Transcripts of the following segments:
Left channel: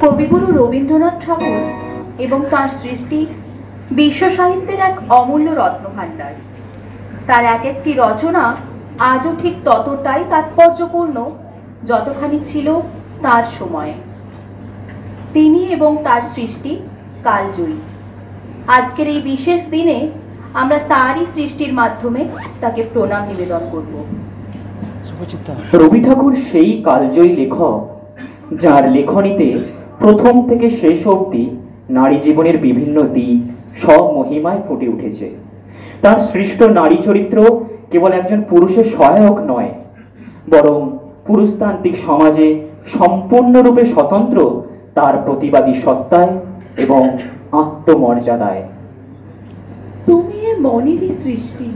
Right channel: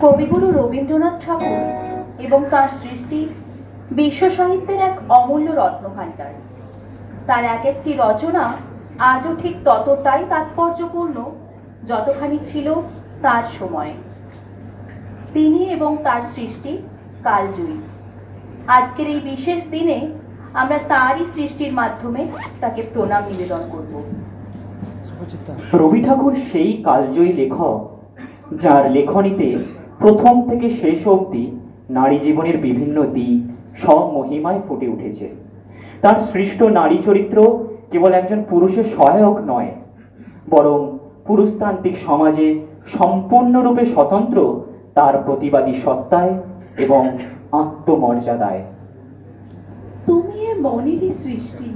কবিগুরু রবীন্দ্রনাথ ঠাকুর এবং তার সৃষ্টি বিশ্ব সাহিত্যের এক অমূল্য রত্নভাণ্ডার। তার এক একটি রচনা আজও ঠিক ততটাই তাৎপর্যপূর্ণ যতখানি ছিল তার সময়। তিনি এবং তার সৃষ্টি কালজয়ী। আজকের এই বিশেষ দিনে আমরা তারই সৃষ্টির মাধ্যমে তাকে প্রণাম নিবেদন করব। রবি ঠাকুর সেই কালজয়ী লেখক যার লেখনীতে প্রথম থেকে শেষ অবধি নারী জীবনের বিভিন্ন দিক সব মহিমায় ফুটে উঠেছে। তার সৃষ্ট নারী চরিত্র কেবল একজন পুরুষের সহায়ক নয়, বরং পুরুষতান্ত্রিক সমাজে সম্পূর্ণরূপে স্বতন্ত্র তার প্রতিবাদী সত্তায় এবং আত্মমর্যাদায়। তুমি এ মনেরই সৃষ্টি,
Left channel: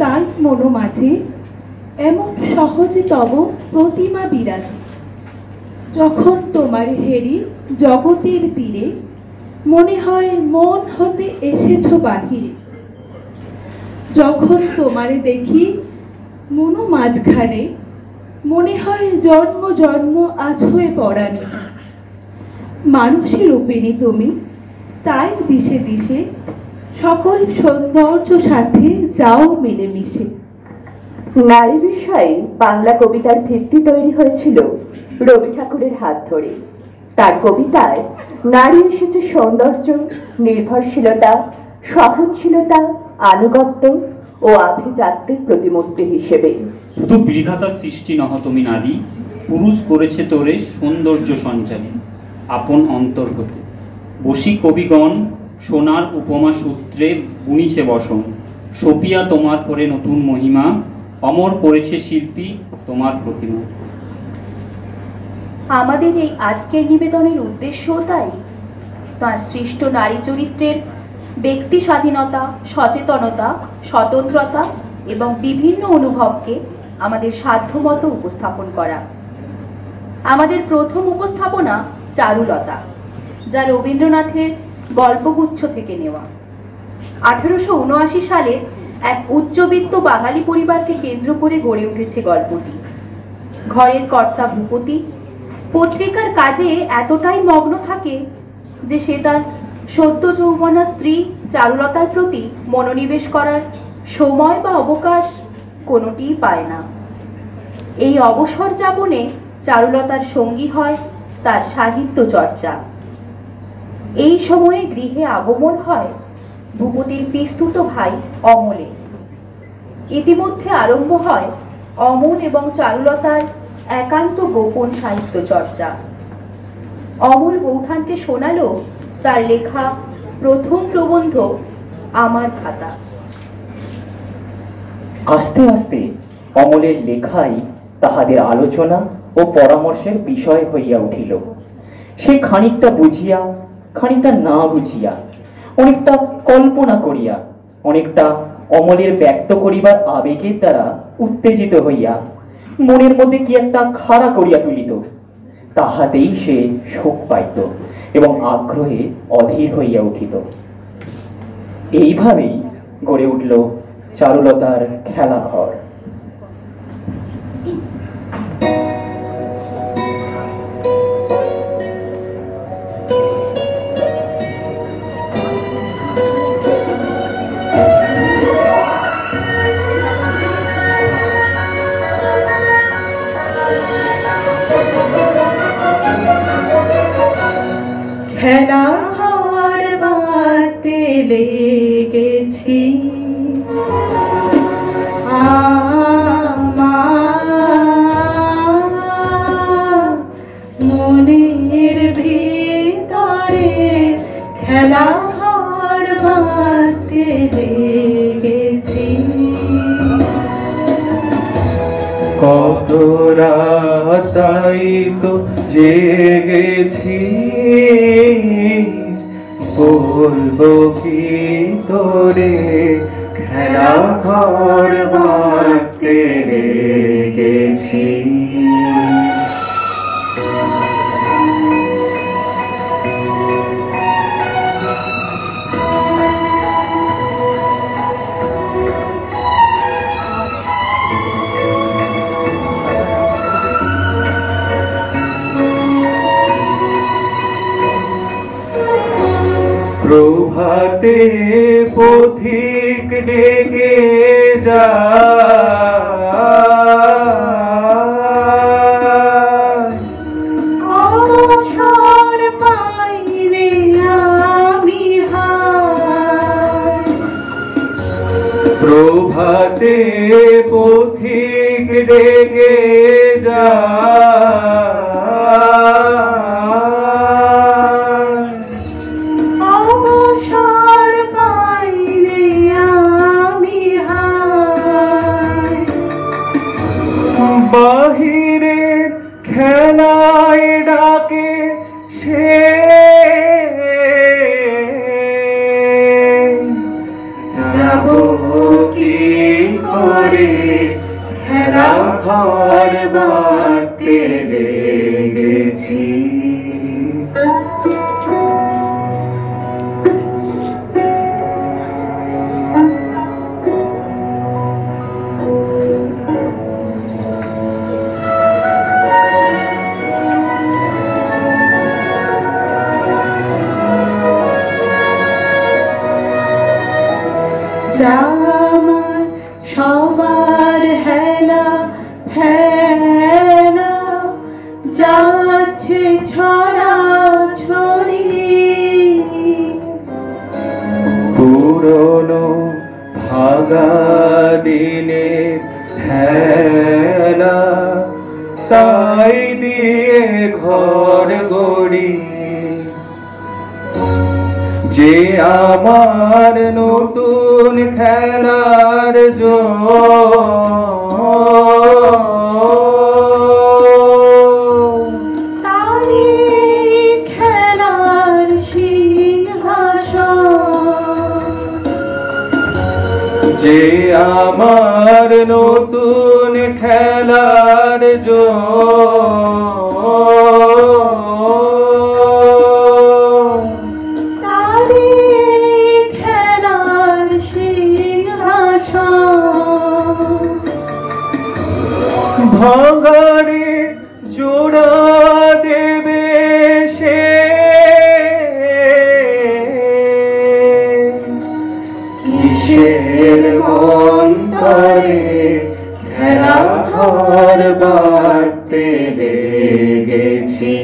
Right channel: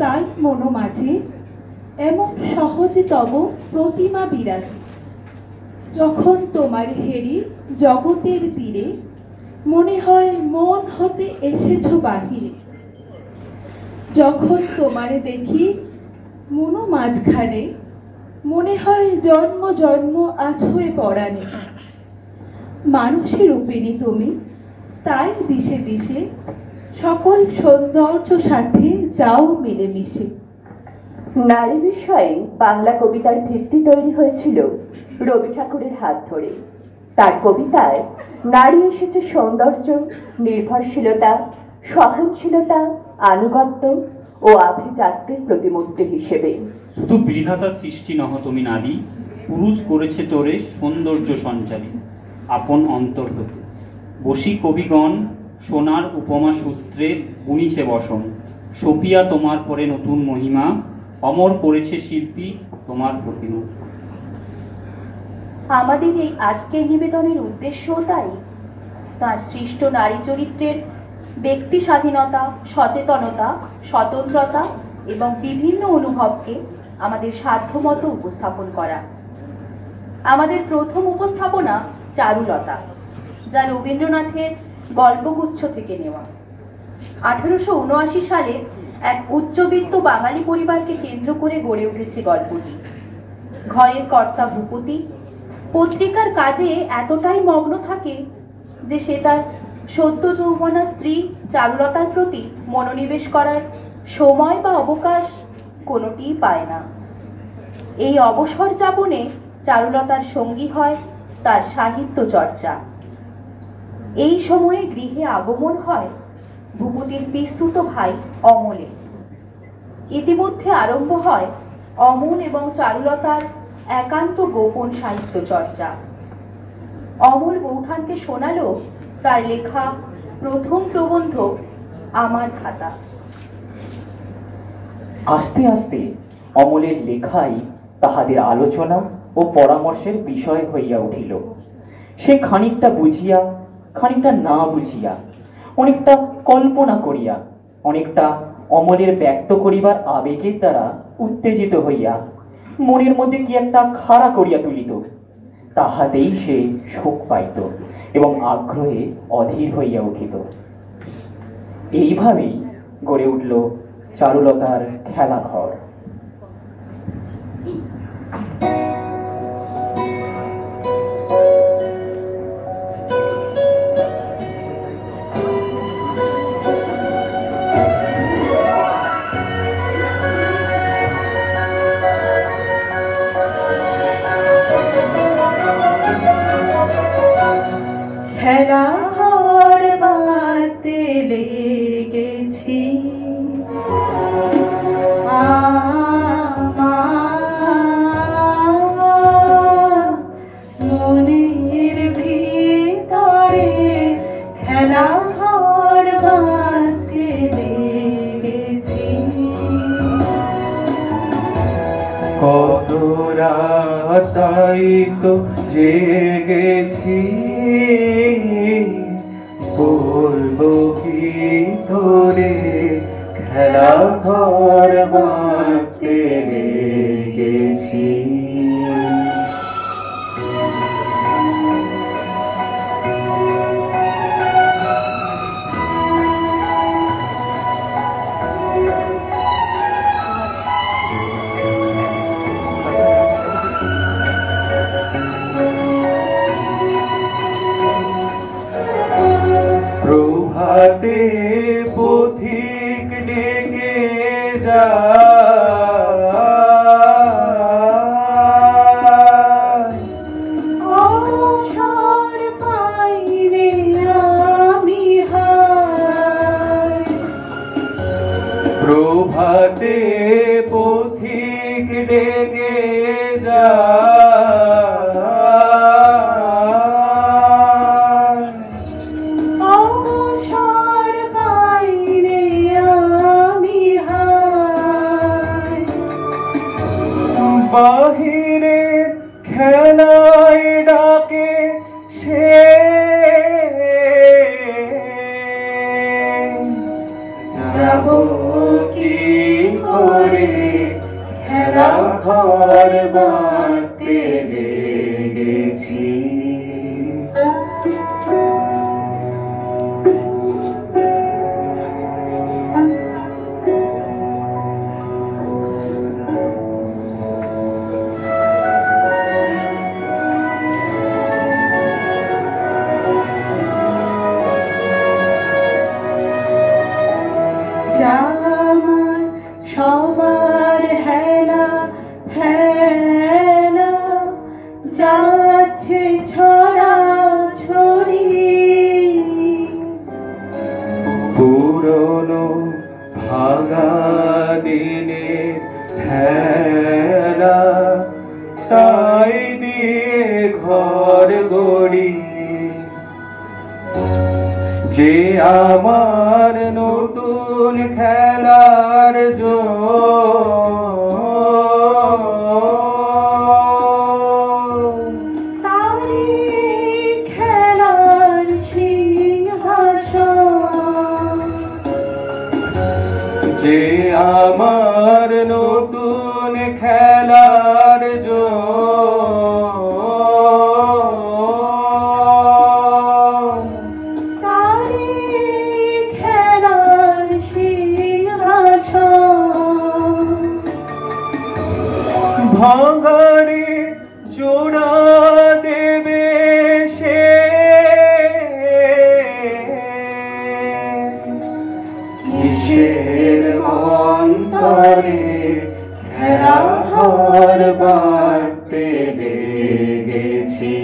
তাই মনো মাঝে এমন সহজে তব প্রতিমা বিরাজে। যখন তোমার হেরি জগতের তীরে, মনে হয় মন হতে এসেছ বাহিরে। যখন তোমারে দেখি মনো মাঝখানে, মনে হয় জন্ম জন্ম আজ হয়ে পড়ানি। মানুষের রূপিণী তুমি, তাই দিশে দিশে সকল সৌন্দর্য সাথে যাও মিলেমিশে। নারী বিষয়ে বাংলা কবিতার ভিত্তি তৈরি হয়েছিল রবি ঠাকুরের হাত ধরে। তার কবিতায় নারী এসেছে সৌন্দর্য, নির্ভরশীলতা, সহনশীলতা, আনুগত্য ও আভিজাত্যের প্রতিমূর্তি হিসেবে। শুধু বিধাতার সৃষ্টি নহ তুমি নারী, পুরুষ করেছে তোরে সৌন্দর্য সঞ্চারী আপন অন্তর্গতে। বসি কবিগণ সোনার উপমা সূত্রে বুনিছে বসন, সপিয়া তোমার পরে নতুন মহিমা, অমর করেছে শিল্পী তোমার প্রতিমা। আমাদের এই আজকের নিবেদনের উদ্দেশ্যও তাই। তার সৃষ্ট নারী চরিত্রের ব্যক্তি স্বাধীনতা, সচেতনতা, স্বতন্ত্রতা এবং বিভিন্ন অনুভবকে আমাদের সাধ্যমতো উপস্থাপন করা। আমাদের প্রথম উপস্থাপনা চারুলতা, যা রবীন্দ্রনাথের গল্পগুচ্ছ থেকে নেওয়া। 1879 সালে এক উচ্চবিত্ত বাঙালি পরিবারকে কেন্দ্র করে গড়ে উঠেছে গল্পটি। ঘরের কর্তা ভূপতি পত্রিকার কাজে এতটাই মগ্ন থাকে যে সে তার সদ্য যৌবনা স্ত্রী চারুলতার প্রতি মনোনিবেশ করার সময় বা অবকাশ কোনোটিই পায় না। এই অবসর যাপনে চারুলতার সঙ্গী হয় তার সাহিত্য চর্চা। এই সময়ে গৃহে আগমন হয় ভূপতির পিস্তুত ভাই অমলে। ইতিমধ্যে আরম্ভ হয় অমল এবং চারুলতার একান্ত গোপন সাহিত্য চর্চা। অমল বৌঠানকে শোনালো তার লেখা প্রথম প্রবন্ধ আমার খাতা। আস্তে আস্তে অমলের লেখাই তাহাদের আলোচনা ও পরামর্শের বিষয় হইয়া উঠিল। সে খানিকটা বুঝিয়া, খানিকটা না বুঝিয়া, অনেকটা কল্পনা করিয়া, অনেকটা অমলের ব্যক্ত করিবার আবেগের দ্বারা উত্তেজিত হইয়া মনের মধ্যে কি একটা খাড়া করিয়া তুলিত। তাহাতেই সে সুখ পাইত এবং আগ্রহে অধীর হইয়া উঠিত। এইভাবেই গড়ে উঠল চারুলতার খেলাঘর। খেলা ঘর বাঁধতে লেগেছি মনের ভিতরে, খেলা ঘর বাঁধতে লেগেছি। কত রাতাই তো জেগেছি, বলবো কি তোরে খেলা ঘর বাঁধতে লেগেছি। প্রভাতে পথিক ডেকে যায়, অবসর পাই রে আমি হায়। প্রভাতে পথিক ডেকে যায়, অবসর পাই রে আমি হায়। বাহিরে খেলায় ডাকে সে, যাব কি করে খেলা ঘর বাঁধতে লেগেছি। যেমন সবার হেলা হেলা যাচ্ছে ছড়া ছড়ি, পুরনো ভাঙা দিনের হেলা তাই দিয়ে ঘর গড়ি, যে আমার নতুন খেলার তারি খেলার সিংহাসন, যে আমার নতুন খেলার তারি খেলার সিংহাসন। ভাঙারে জোড়া দেবে সে, কিসের মন্তরে খেলা ঘর বাঁধতে লেগেছি।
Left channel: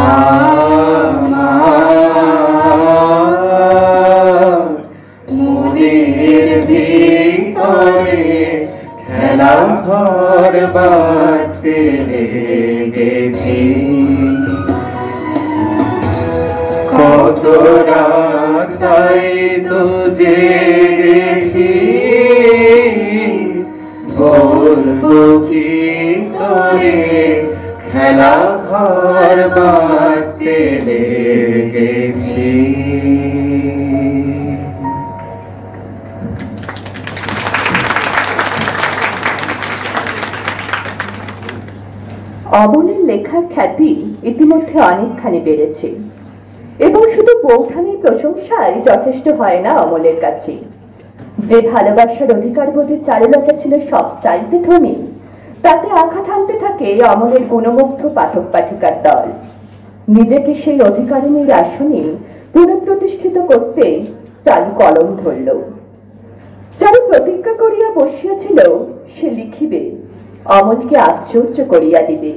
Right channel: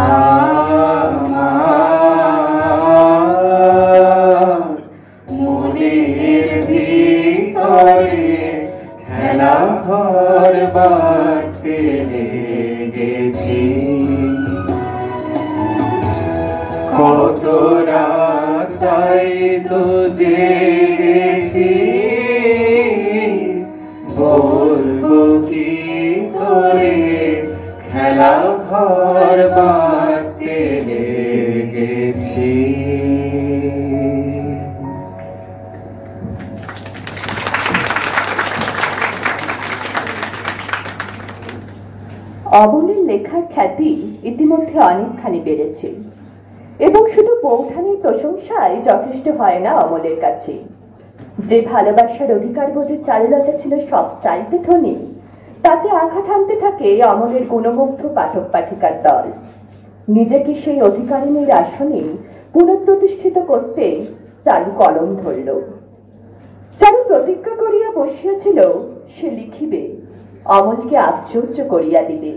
আমার মনের ভিতরে খেলা ঘর বাঁধতে লেগেছি। কত রাত তাই তো জেগেছি, বলবো কি তোরে খেলা ঘর বাঁধতে লেগেছি। অমলের লেখার খ্যাতি ইতিমধ্যে অনেকখানি বেড়েছে এবং শুধু বৌঠানের প্রশংসায় যথেষ্ট হয় না অমলের কাছে। যে ভালোবাসার অধিকার বোধে চারুলতা ছিল সব চাইতে ধনী, তাতে আঘাত হানতে থাকে অমলের গুণমুগ্ধ পাঠক পাঠিকার দল। নিজেকে সেই অধিকারিণীর আসনে পুনঃপ্রতিষ্ঠিত করতে চারু কলম ধরল। চারু প্রতিজ্ঞা করিয়া বসিয়াছিল সে লিখিবে, অমলকে আশ্চর্য করিয়া দিবে।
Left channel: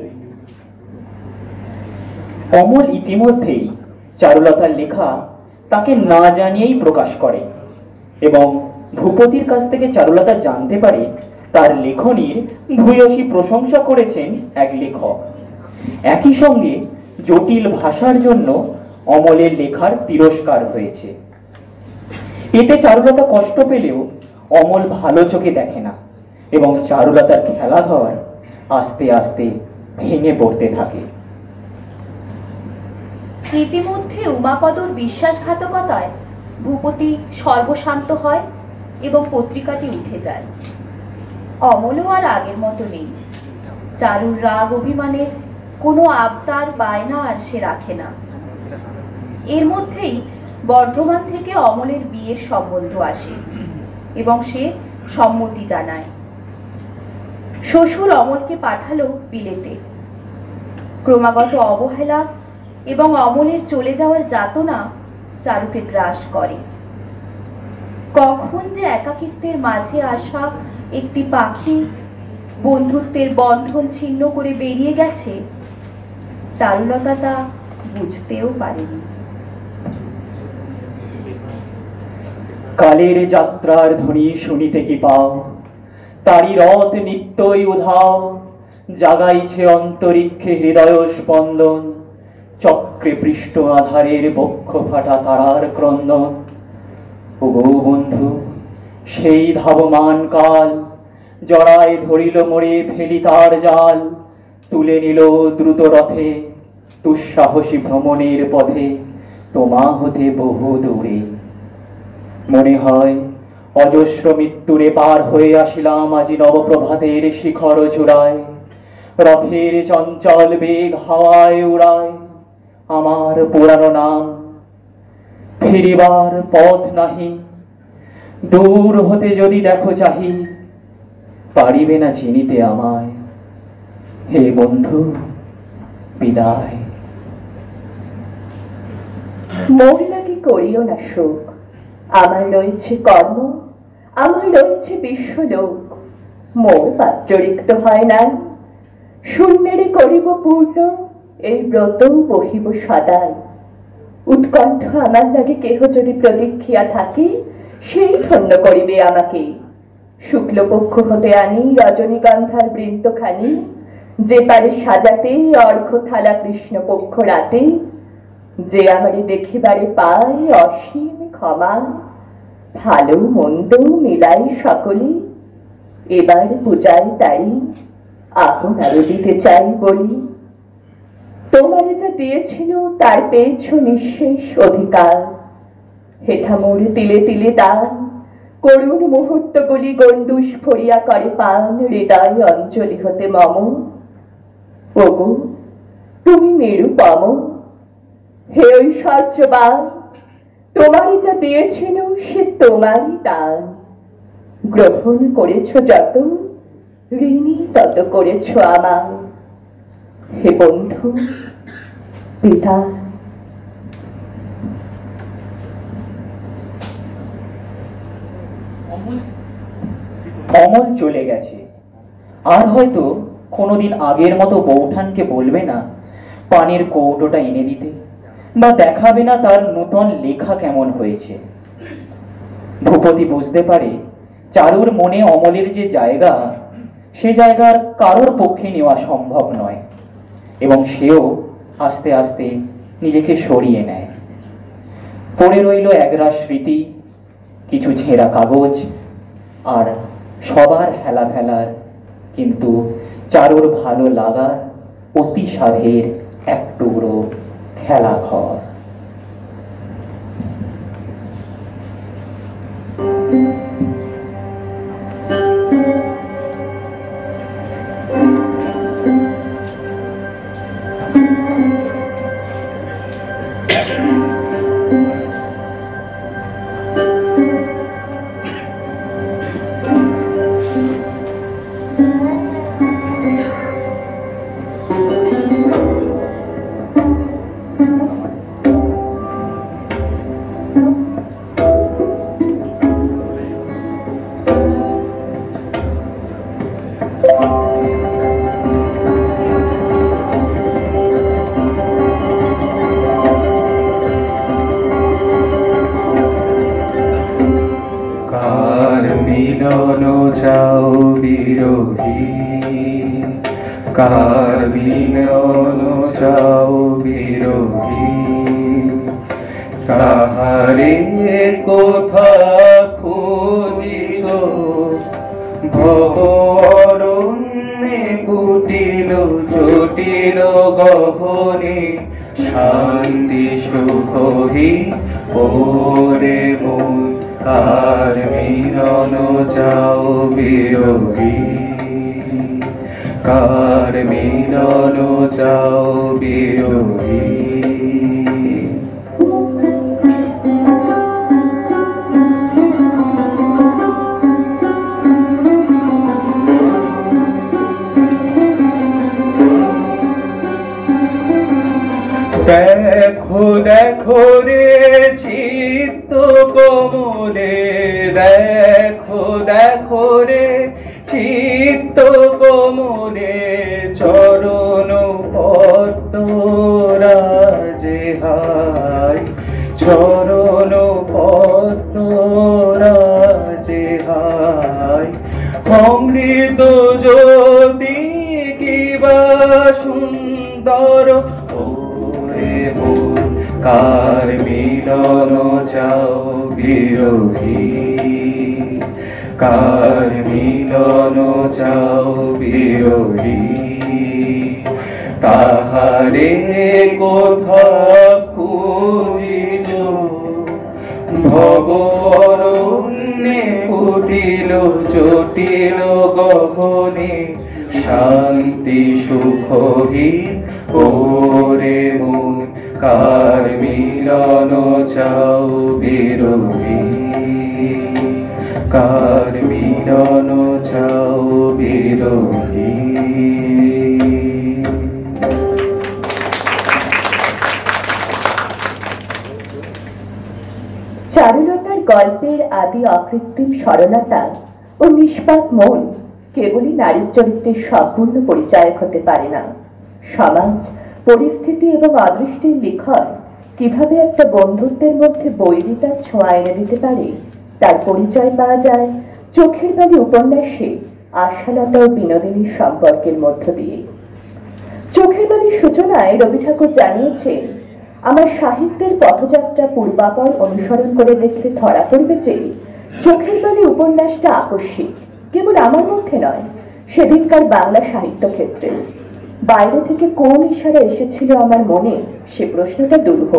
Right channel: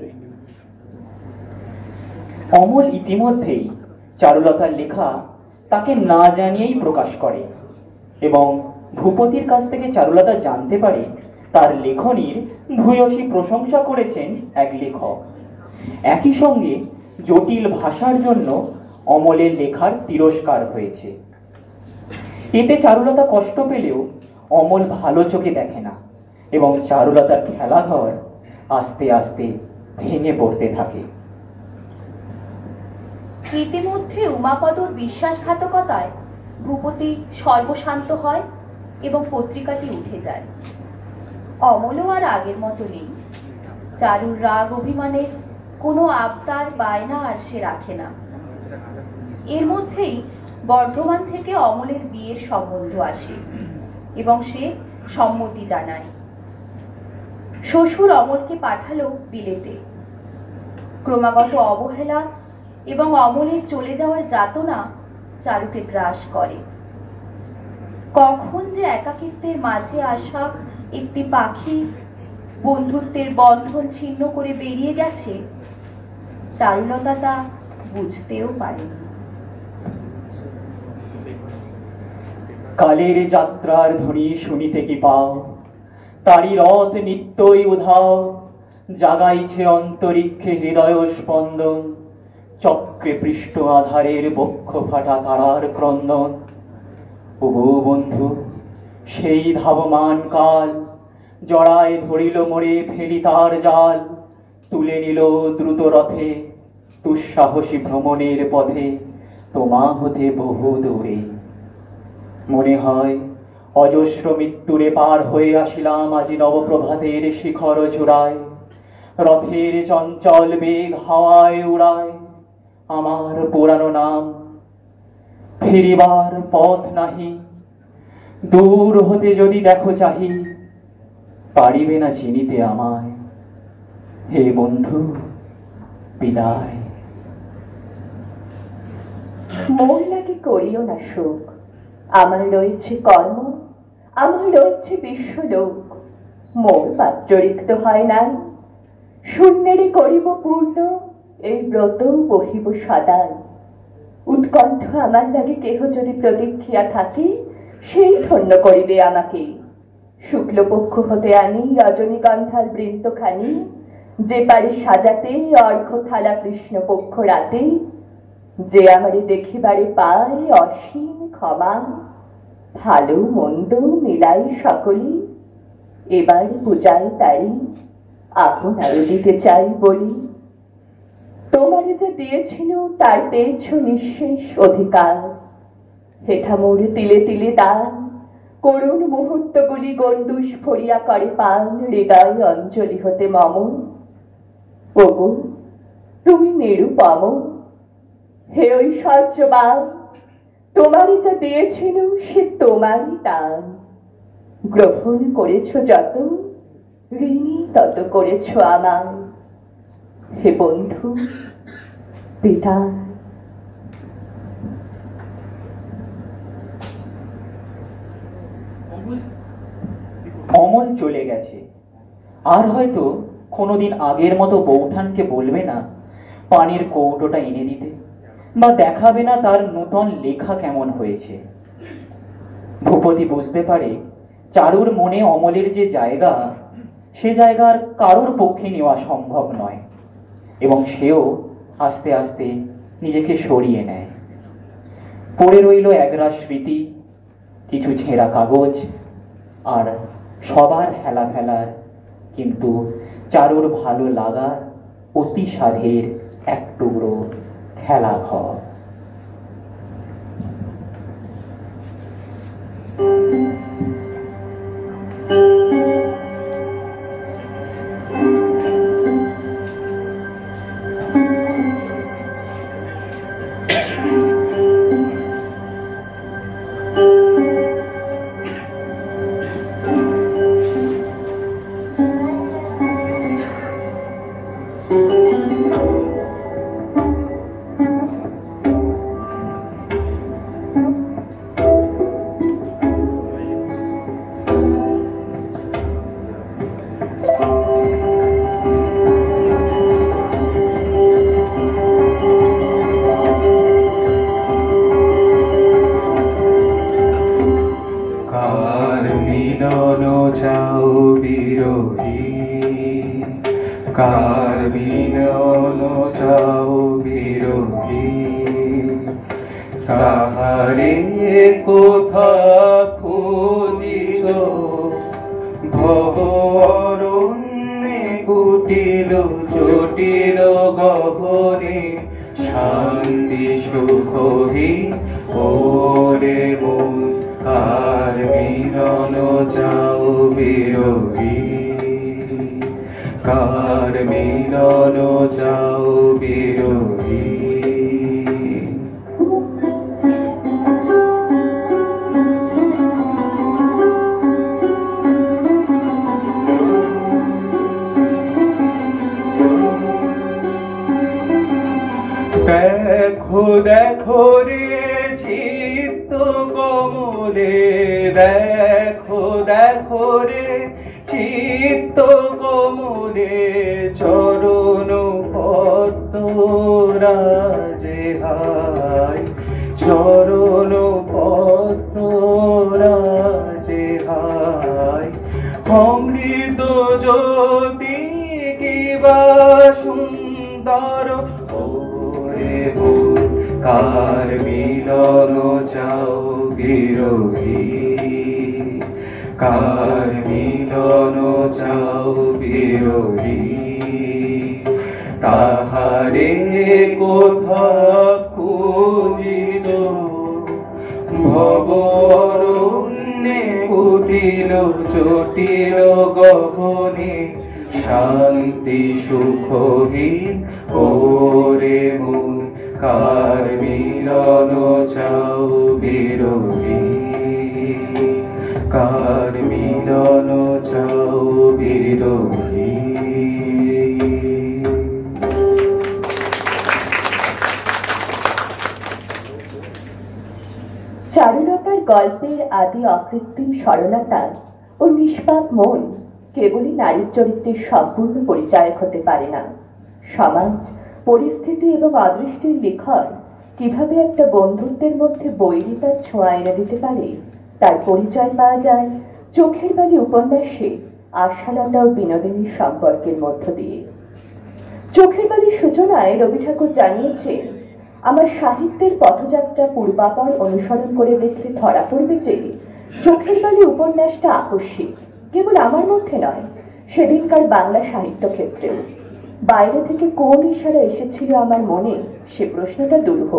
অমল ইতিমধ্যেই চারুলতার লেখা তাকে না জানিয়েই প্রকাশ করে এবং ভূপতির কাছ থেকে চারুলতা জানতে পারে তার লেখনীর ভূয়সী প্রশংসা করেছেন এক লেখক। একই সঙ্গে জটিল ভাষার জন্য অমলের লেখার তিরস্কার হয়েছে। এতে চারুলতা কষ্ট পেলেও অমল ভালো চোখে দেখে না এবং চারুলতার খেলাঘর আস্তে আস্তে ভেঙে পড়তে থাকে। ইতিমধ্যে উমাপদর বিশ্বাসঘাতকতায় ভূপতি সর্বশান্ত হয় এবং পত্রিকাটি উঠে যায়। অমলও আর আগের মতো নেই। চারুর রাগ অভিমানের কোনো আবদার বায়না আর সে রাখে না। এর মধ্যেই বর্ধমান থেকে অমলের বিয়ের সম্বন্ধ আসে এবং সে সম্মতি জানায়। শ্বশুর অমলকে পাঠালো বিলেতে। ক্রমাগত অবহেলা এবং অমলের চলে যাওয়ার যাতনা চারুকে গ্রাস করে। কখন যে একাকিত্বের মাঝে আসা একটি পাখি বন্ধুত্বের বন্ধন ছিন্ন করে বেরিয়ে গেছে, চারুলতা তা বুঝতেও পারেনি। কালের যাত্রার ধ্বনি শুনিতে কি পাও, তারি রথ নিত্যই উধাও, জাগাইছে অন্তরিক্ষে হৃদয় স্পন্দন, চক্রে পৃষ্ঠ আধারের বক্ষ ফাটা তারার ক্রন্দন। ওগো বন্ধু, সেই ধাবমান কাল জড়ায় ধরিল মোরে ফেলি তার জাল, তুলে নিল দ্রুত রথে দুঃসাহসী ভ্রমণের পথে তোমা হতে বহু দূরে। মনে হয় অজস্র মৃত্যুরে পার হয়ে আসিলাম আজি নবপ্রভাতের শিখর চূড়ায়, রথের চঞ্চল বেগ হাওয়ায় উড়ায় আমার পুরানো নাম। ফিরিবার পথ নাহি, দূর হতে যদি দেখো চাহি, পারিবে না চিনিতে আমায়। হে বন্ধু, বিদায়। মহিলাকে করিও না শোক, আমার রয়েছে কর্ম, আমার রয়েছে বিশ্বলোক। মোর পাত্র রিক্ত হয় নাই, শূন্যেরে করিব পূর্ণ, এই ব্রত বহিব সদাই। উৎকণ্ঠ আমার লাগে কেহ যদি প্রতীক্ষিয়া থাকে, সেই ধন্য করিবে আমাকে। শুক্লপক্ষ হতে আনি রজনীগন্ধার বৃন্তখানি, যে পারে সাজাতে অর্ঘ থালা কৃষ্ণপক্ষ রাতে। যে আমারে দেখিবারে পায় অসীম ক্ষমা, ভালো মন্দ মিলাই সকলে, এবার পূজায় তাই আপনারও দিতে চাই বলি। তোমারে যা দিয়েছিল তার পেয়েছ নিঃশেষ অধিকার, হেঠা মোর তিলে তিলে দান, করুণ মুহূর্তগুলি গণ্ডুষ ভরিয়া করে পান হৃদয় অঞ্জলি হতে মম। ওগো তুমি নিরুপম, হে ঐশ্বর্যবান, তোমারই যা দিয়েছিল সে তোমারই দান। গ্রহণ করেছ যত, ঋণী তত করেছ আমার। হে বন্ধু, বিদায়। অমল চলে গেছে, আর হয়তো কোনোদিন আগের মতো বৌঠানকে বলবে না পানির কৌটোটা এনে দিতে, বা দেখাবে না তার নূতন লেখা কেমন হয়েছে। ভূপতি বুঝতে পারে চারুর মনে অমলের যে জায়গা, সে জায়গার কারোর পক্ষে নেওয়া সম্ভব নয়, এবং সেও আস্তে আস্তে নিজেকে সরিয়ে নেয়। পড়ে রইল একরা স্মৃতি, কিছু ছেঁড়া কাগজ, আর সবার হেলা ফেলার কিন্তু চারুর ভালো লাগার অতি সাধের এক টুকরো খেলা ঘর। কাহারে কোথা খুঁজিছ ভব অরণ্যে কুটিল চটিল গহনে শান্তি সুখহি ওরে মন কার মিলন চাও বিরোহী কার মিলন চাও বিরোহী দেখো দেখো রে চিত্ত কোমলে, দেখো দেখো রে চিত্ত কোমলে, চরণ পদ্ম রাজে হায়, চরণ পদ্ম রাজে হায়। অমৃত জ্যোতি কিবা সুন্দর, ওরে মন কার মিলন চাও বিরোহী, কার মিলন চাও বিরোহী। তাহারে কোথা খুঁজিছ ভব অরণ্যে, কুটিল জটিল গহনে, শান্তি সুখহীন ওরে মন কার মিলন চাও বিরোহী, কার মিলন চাও বিরোহী। চারুলতার গল্পের আদি অকৃত্রিম সরলতা ও নিষ্পাপ মন কেবলই নারীর চরিত্রের সম্পূর্ণ পরিচায়ক হতে পারে না। সমাজ, পরিস্থিতি এবং অদৃষ্টির লিখন কিভাবে একটা বন্ধুত্বের মধ্যে বৈরিতার ছোঁয়া এনে দিতে পারে তার পরিচয় পাওয়া যায় চোখের বালি উপন্যাসে আশালতা ও বিনোদিনীর সম্পর্কের মধ্য দিয়ে। চোখের বালির সূচনায় রবি ঠাকুর জানিয়েছেন, আমার সাহিত্যের পথযাত্রা পূর্বাপর অনুসরণ করে দেখলে ধরা পড়বে যে চোখের বালি উপন্যাসটা আকস্মিক, কেবল আমার মধ্যে নয়, সেদিনকার বাংলা সাহিত্য ক্ষেত্রে। বাইরে থেকে কোন ইশারা এসেছিল আমার মনে, সে প্রশ্নটা দুরূহ।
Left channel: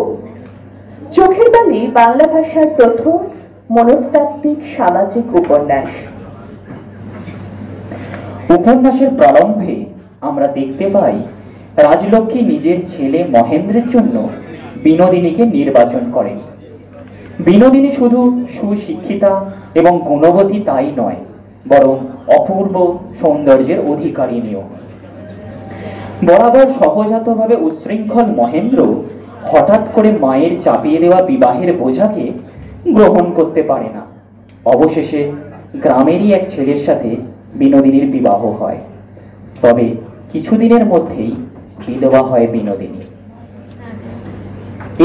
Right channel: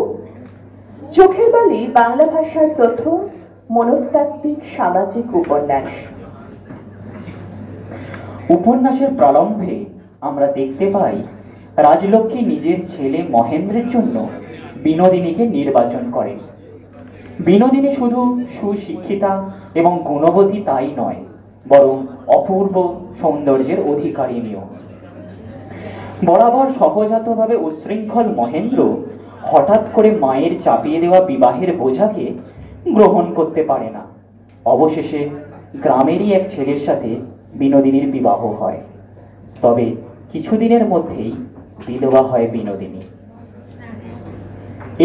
চোখের বালি বাংলা ভাষার প্রথম মনস্তাত্ত্বিক সামাজিক উপন্যাস। উপন্যাসের প্রারম্ভে আমরা দেখতে পাই রাজলক্ষ্মী নিজের ছেলে মহেন্দ্রের জন্য বিনোদিনীকে নির্বাচন করেন। বিনোদিনী শুধু সুশিক্ষিতা এবং গুণবতী তাই নয়, বরং অপূর্ব সৌন্দর্যের অধিকারিণীও। বরাবর সহজাতভাবে উচ্ছৃঙ্খল মহেন্দ্র হঠাৎ করে মায়ের চাপিয়ে দেওয়া বিবাহের বোঝাকে গ্রহণ করতে পারে না। অবশেষে গ্রামেরই এক ছেলের সাথে বিনোদিনীর বিবাহ হয়। তবে কিছুদিনের মধ্যেই বিধবা হয় বিনোদিনী।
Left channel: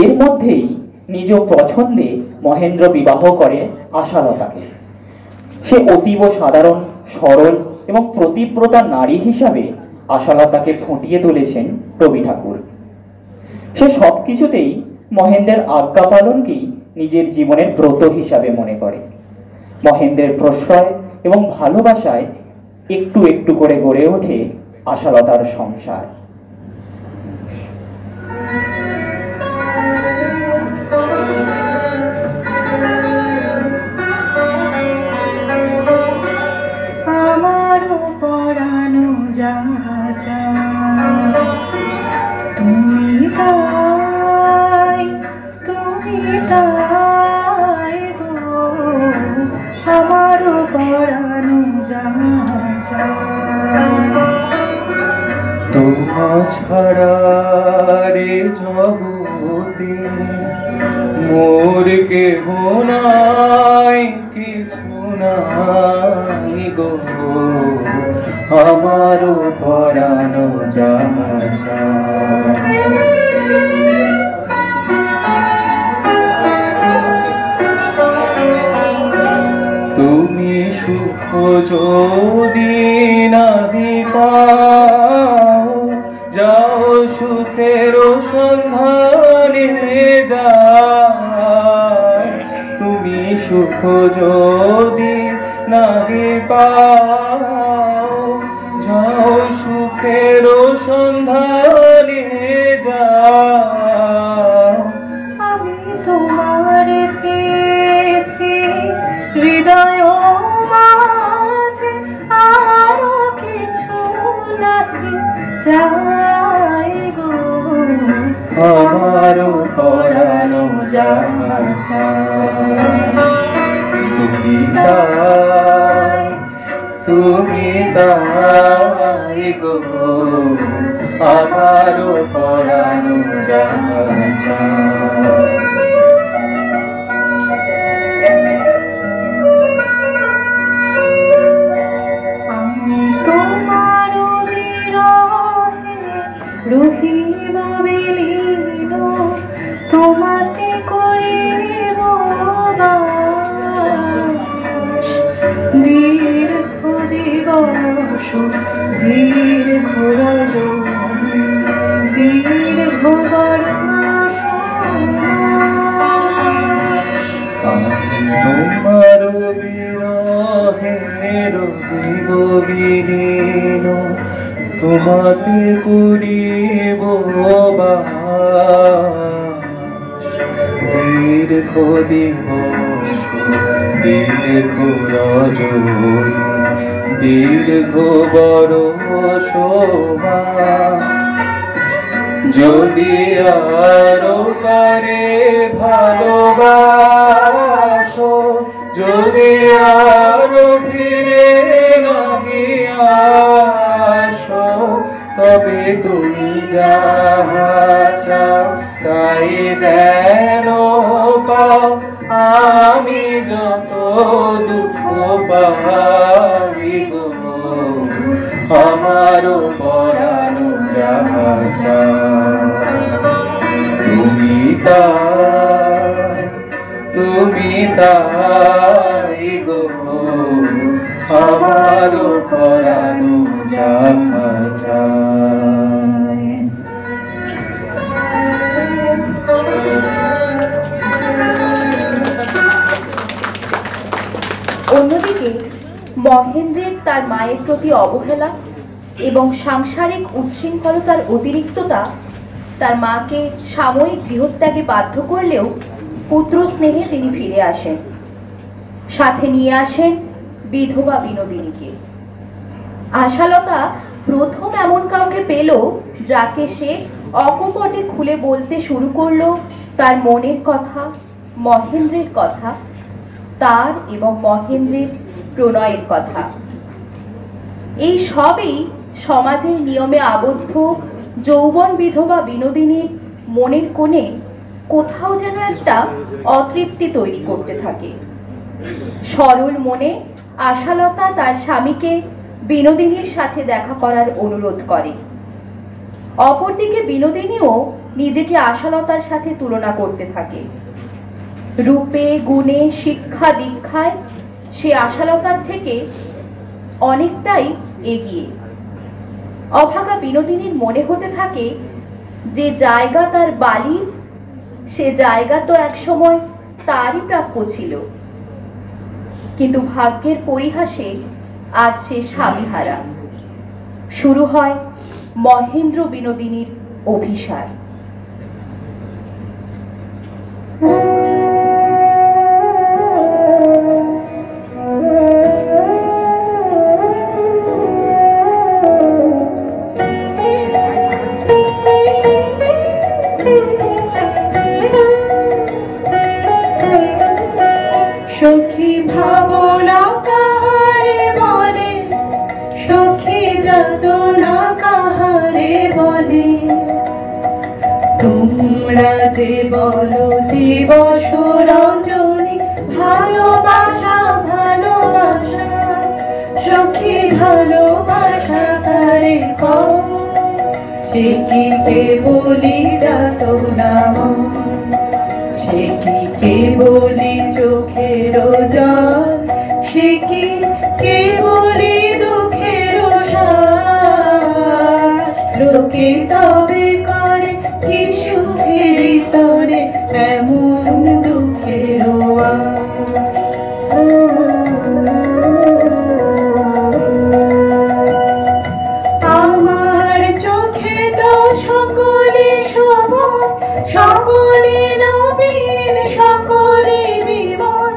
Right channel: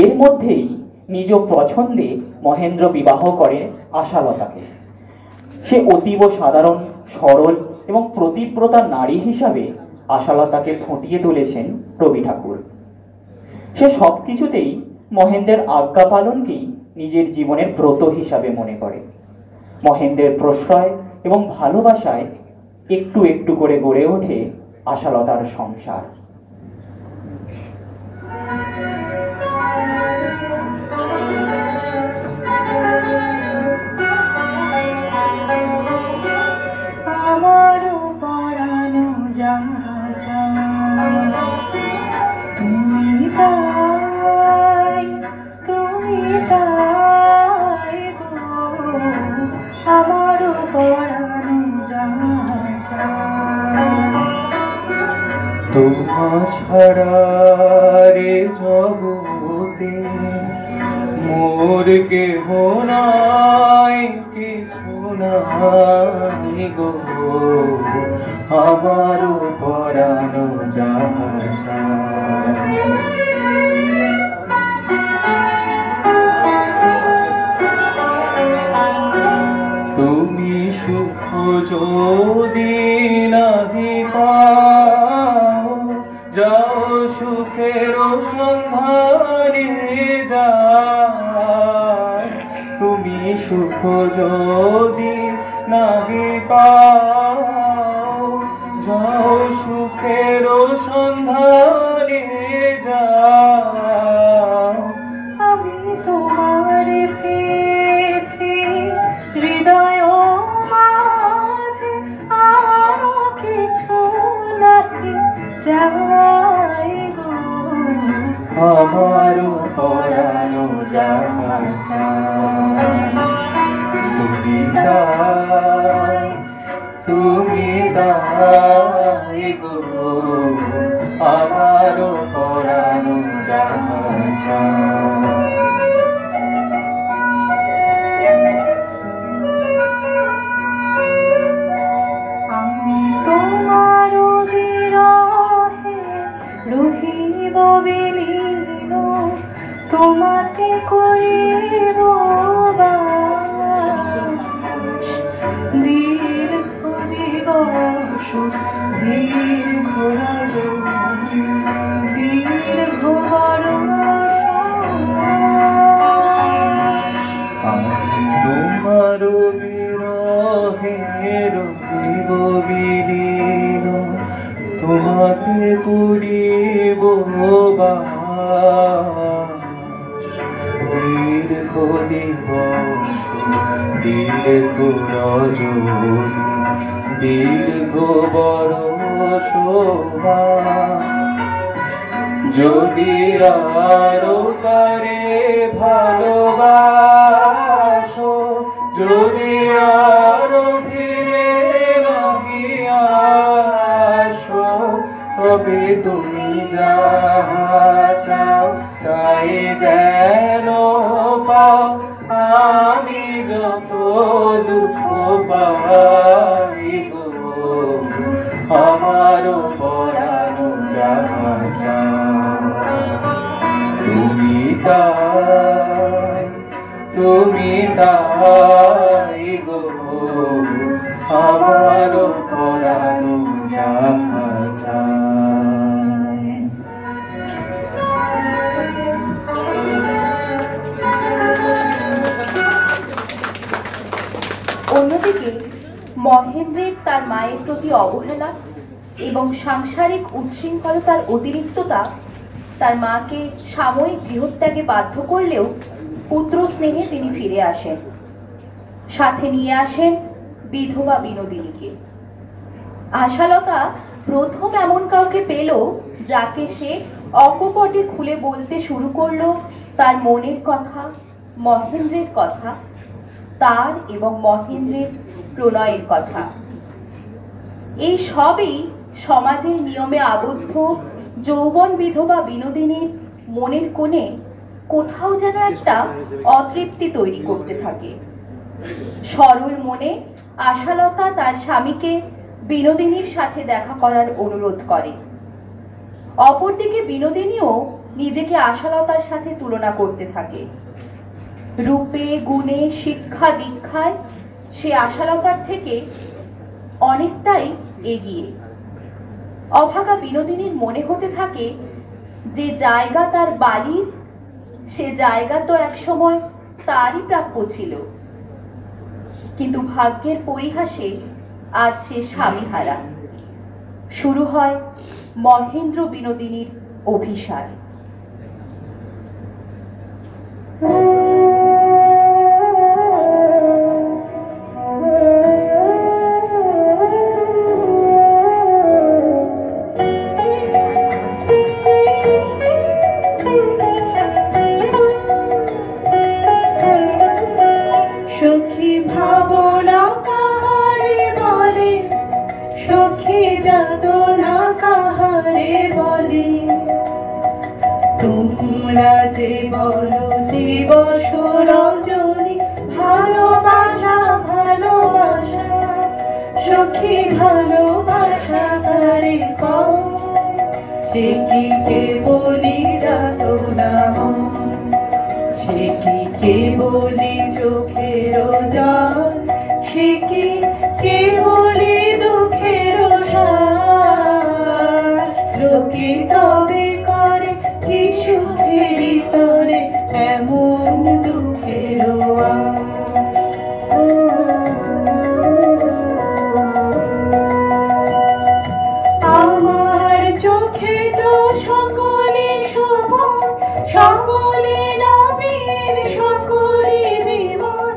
এর মধ্যেই নিজ পছন্দে মহেন্দ্র বিবাহ করে আশালতাকে। সে অতীব সাধারণ, সরল এবং প্রতিব্রতা নারী হিসাবে আশালতাকে ফুটিয়ে তুলেছেন রবি ঠাকুর। সে সবকিছুতেই মহেন্দ্রের আজ্ঞা পালনকেই নিজের জীবনের ব্রত হিসাবে মনে করে। মহেন্দ্রের প্রশ্রয় এবং ভালোবাসায় একটু একটু করে গড়ে ওঠে আশালতার সংসার। তোমা ছাড়া রে জগতে মোর কেহ নাই, কিছু নাই গো, আমার পরানো যাহা। তুমি সুখ যদি নাহি পাও, যাও সুখের সন্ধানে যাও। তুমি সুখ যদি নাহি পাও, যাও সুখের সন্ধানে যাও। আমি তোমার পেয়েছি হৃদয় মাঝে, আরো কিছু নাহি চাই গো, আমার পরানো যাহা চাই। তুমি দাই, তুমি দাই গো, আমার পরানো যাহা চাই। রহিব বিলীন তোমাতে করিব বাস। দীর্ঘ দিবস দীর্ঘ রজনী দীর্ঘ বরষ তোমার বিরহে রহিব বিলীন তোমাতে করিব বাস। দীর্ঘ দিবস দীর্ঘ রজনী দীর্ঘ বরষ মাস। যদি আরো তারে ভালোবাসো যদি আরো ফিরে লাগিয়া আসো তবে তুমি যাহা চাও তাই যেন পাও। আমি যত দুঃখ পাই গো আমারও পরানো যাহা চাও। তুমি তাই গো আমারও পরানো যাহা চায়। অন্যদিকে মহেন্দ্রের তার মায়ের প্রতি অবহেলা এবং সাংসারিক উচ্ছৃঙ্খলতার অতিরিক্ততা তার মাকে সাময়িক গৃহত্যাগে বাধ্য করলেও পুত্র স্নেহে তিনি ফিরে আসেন। সাথে নিয়ে আসেন বিধবা বিনোদিনীকে। আশালতা প্রথম এমন কাউকে পেল যাকে সে অকপটে খুলে বলতে শুরু করলো তার মনের কথা, মহেন্দ্রের কথা, তার এবং মহেন্দ্রের প্রণয়ের কথা। এই সবই সমাজের নিয়মে আবদ্ধ যৌবন বিধবা বিনোদিনীর মনের কোণে কোথাও যেন একটা অতৃপ্তি তৈরি করতে থাকে। সরল মনে আশালতা তার স্বামীকে বিনোদিনীর সাথে দেখা করার অনুরোধ করে। অপরদিকে বিনোদিনীও নিজেকে আশালতার সাথে তুলনা করতে থাকে। রূপে গুণে শিক্ষা দীক্ষায় সে আশালতার থেকে অনেকটাই এগিয়ে। অভাগা বিনোদিনীর মনে হতে থাকে যে জায়গা তার বালির সে জায়গা তো একসময় তারই প্রাপ্য ছিল, কিন্তু ভাগ্যের পরিহাসে আজ সে স্বামীহারা। শুরু হয় মহেন্দ্র বিনোদিনীর অভিসার। সখী ভাবনা কাহারে বলে সখী যাতনা কাহারে বলে তোমরা যে বলো দিবস রজনী ভালোবাসা ভালোবাসা সখী ভালোবাসা তারে কও সে কি কেবলি যাতনা সে কি কেবলি চোখের জল সে কি কেবলি দুঃখের শ্বাস লোকে তবে করে কি সুখের তরে এমন দুঃখের আমার চোখে তো সকলে শোভন সকলে নবীন সকলে বিমান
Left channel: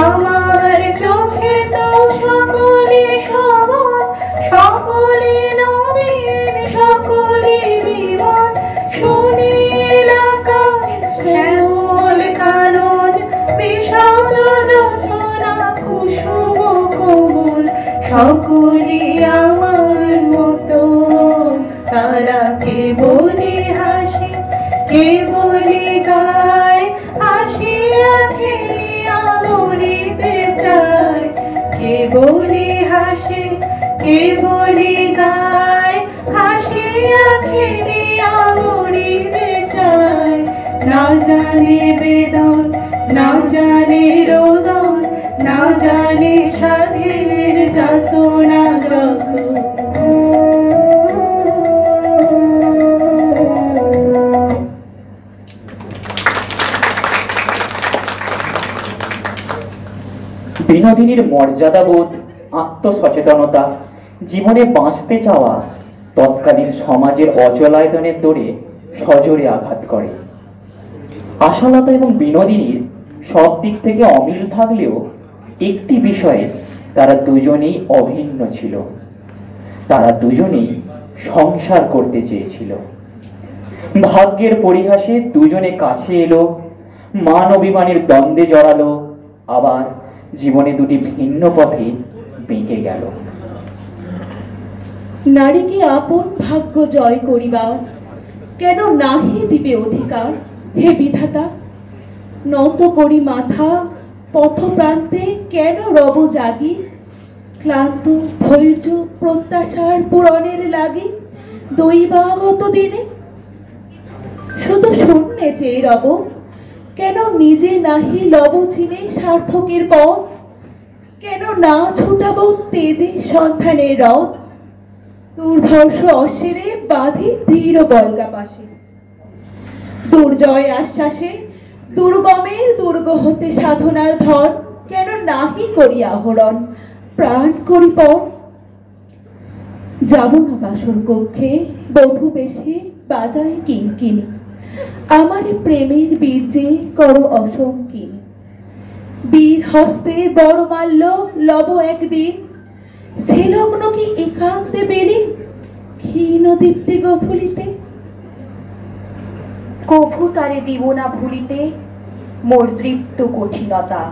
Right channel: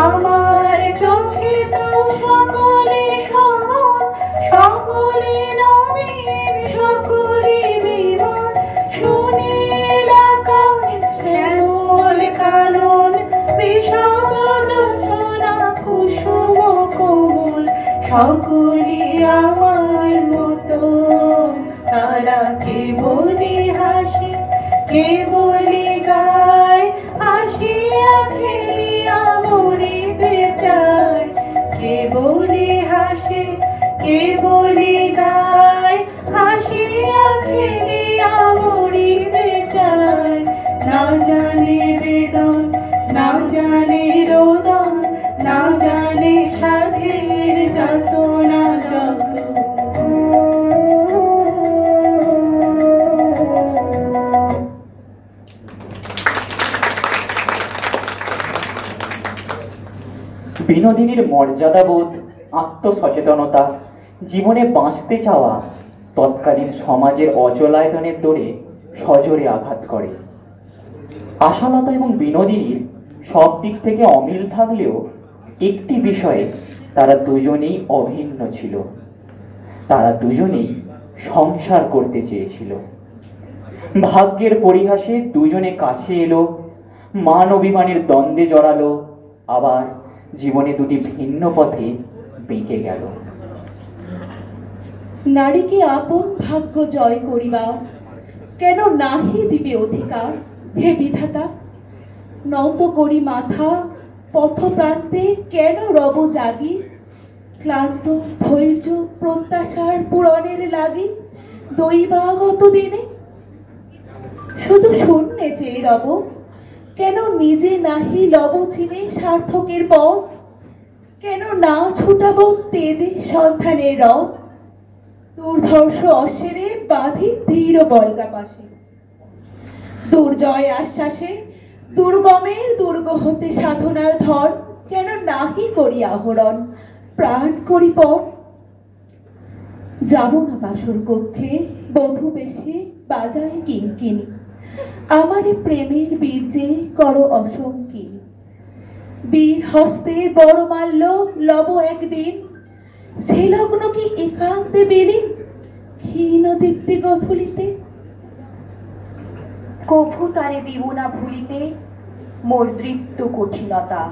আমার চোখে তো সকলে শোভন সকলে নবীন সকলে বিমান সুনীল আকাশ শ্যামল কানন বিষাদ যোছনা কুসুম কোমল সকলে আমার মতো তারা কেবলে হাসে কেবলে গায় আসিয়া খেলিয়া মরিতে চায় কেবলে হাসে কেবলে গায় আসিয়া খেলিয়া জানে বেদন, না জানে রোদন, না জানে সাধের যাতনা যত। বিনোদিনীর মর্যাদাবোধ, আত্মসচেতনতা, জীবনে বাঁচতে চাওয়া তৎকালীন সমাজের অচলায়তনের দৌড়ে সজোরে আঘাত করে। আশালতা এবং বিনোদিনীর সব দিক থেকে অমিল থাকলেও একটি বিষয়ে তারা দুজনেই অভিন্ন ছিল। তারা দুজনেই সংসার করতে চেয়েছিল। ভাগ্যের পরিহাসে দুজনে কাছে এলো, মান অভিমানের দ্বন্দ্বে জড়ালো, আবার জীবনে দুটি ভিন্ন পথে বেঁকে গেল। নারীকে আপন ভাগ্য জয় করিবা, কেন নাহি দিবে অধিকার? হে বিধাতা, নত করি মাথা পথ প্রান্তে, কেন রব জাগি? ক্লান্ত ধৈর্য প্রত্যাশার পূরণের লাগি দৈবাগত দিনে শুধু শূন্যে চেয়ে রব, কেন নিজে নাহি লব চিনে সার্থকের পথ? কেন না ছুটাবো তেজে সন্ধানের রথ? দুর্ধর্ষ অশ্বিরে বাঁধি দৃঢ় বর্গা পাশে, দুর্জয় আশ্বাসে দুর্গমের দুর্গ হতে সাধনার ধন, কেন নাহি করি আহরণ প্রাণ করি পণ? যাব না বাসর কক্ষে বধূ বেশে বাজায় কিঙ্কিনি, আমারে প্রেমের বীর্যে করো অসংকীন। বীর হস্তে বড় মাল্য লব একদিন, সে লগ্ন কি একান্তে বেলি ক্ষীণ দীপ্তি গথলিতে? কভু তারে দিব না ভুলিতে মোর দৃপ্ত কঠিনতা,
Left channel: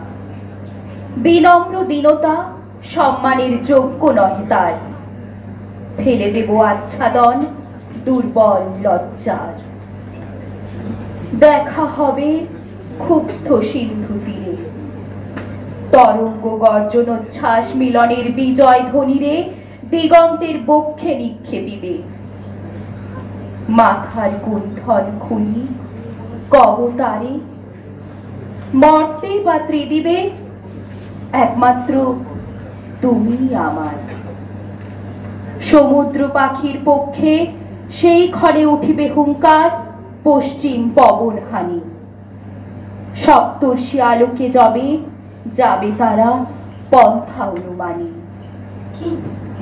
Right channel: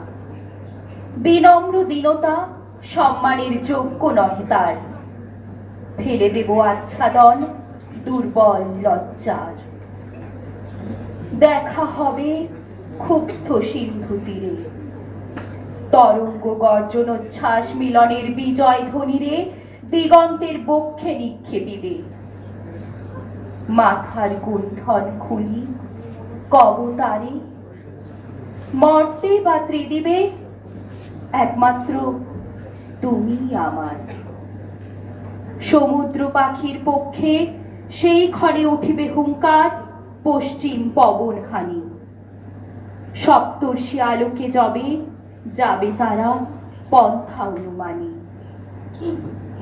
বিনম্র দীনতা সম্মানের যোগ্য নহে তার। ফেলে দেব আচ্ছাদন দুর্বল লজ্জার, দেখা হবে ক্ষুব্ধ সিন্ধু তীরে। তরঙ্গ গর্জনোচ্ছ্বাস মিলনের বিজয় ধ্বনিরে দিগন্তের বক্ষে নিক্ষেপিবে। মাথার গুণ্ঠন খুলি কবতারে, মর্তে বা ত্রিদিবে একমাত্র তুমি আমার। সমুদ্র পাখির পক্ষে সেই ক্ষণে উঠিবে হুঙ্কার পশ্চিম পবন হানি। সপ্তর্ষি আলোকে যাবে যাবে তারা পন্থা অনুমানী।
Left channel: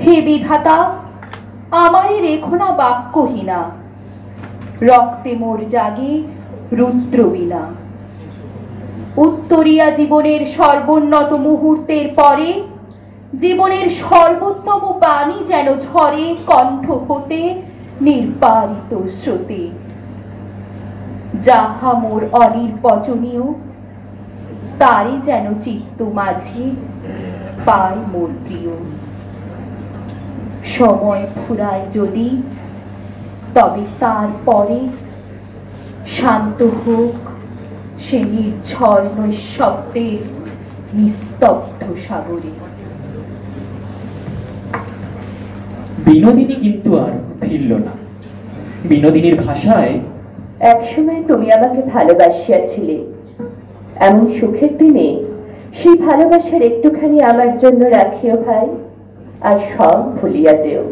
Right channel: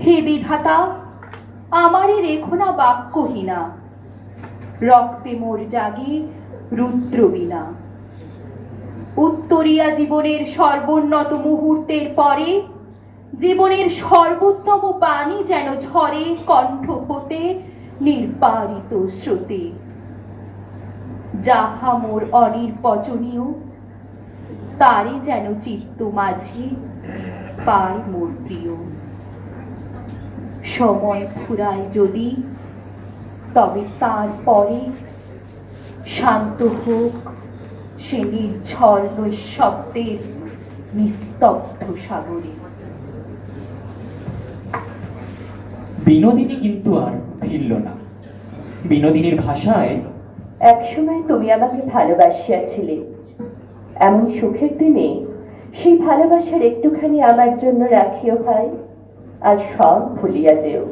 হে বিধাতা, আমারে রেখো না বাক্যহীনা, রক্তে মোর জাগে রুদ্র বীণা। উত্তরিয়া জীবনের সর্বোন্নত মুহূর্তের পরে জীবনের সর্বোত্তম বাণী যেন ঝরে কণ্ঠ হতে নির্বারিত স্রোতে। যাহা মোর অনির্বচনীয় তারই যেন চিত্ত মাঝে পায় মোর প্রিয়। সময় ফুরায় যদি তবে তারপরে শান্ত হোক সে নির্ঝর নৈঃশব্দের নিস্তব্ধ সাগরে। বিনোদিনী কিন্তু আর ফিরল না। বিনোদিনীর ভাষায়, একসময় তুমি আমাকে ভালোবাসিয়াছিলে, এমন সুখের দিনে সেই ভালোবাসার একটুখানি আমার জন্য রাখিও ভাই, আর সব ভুলিয়া যেও।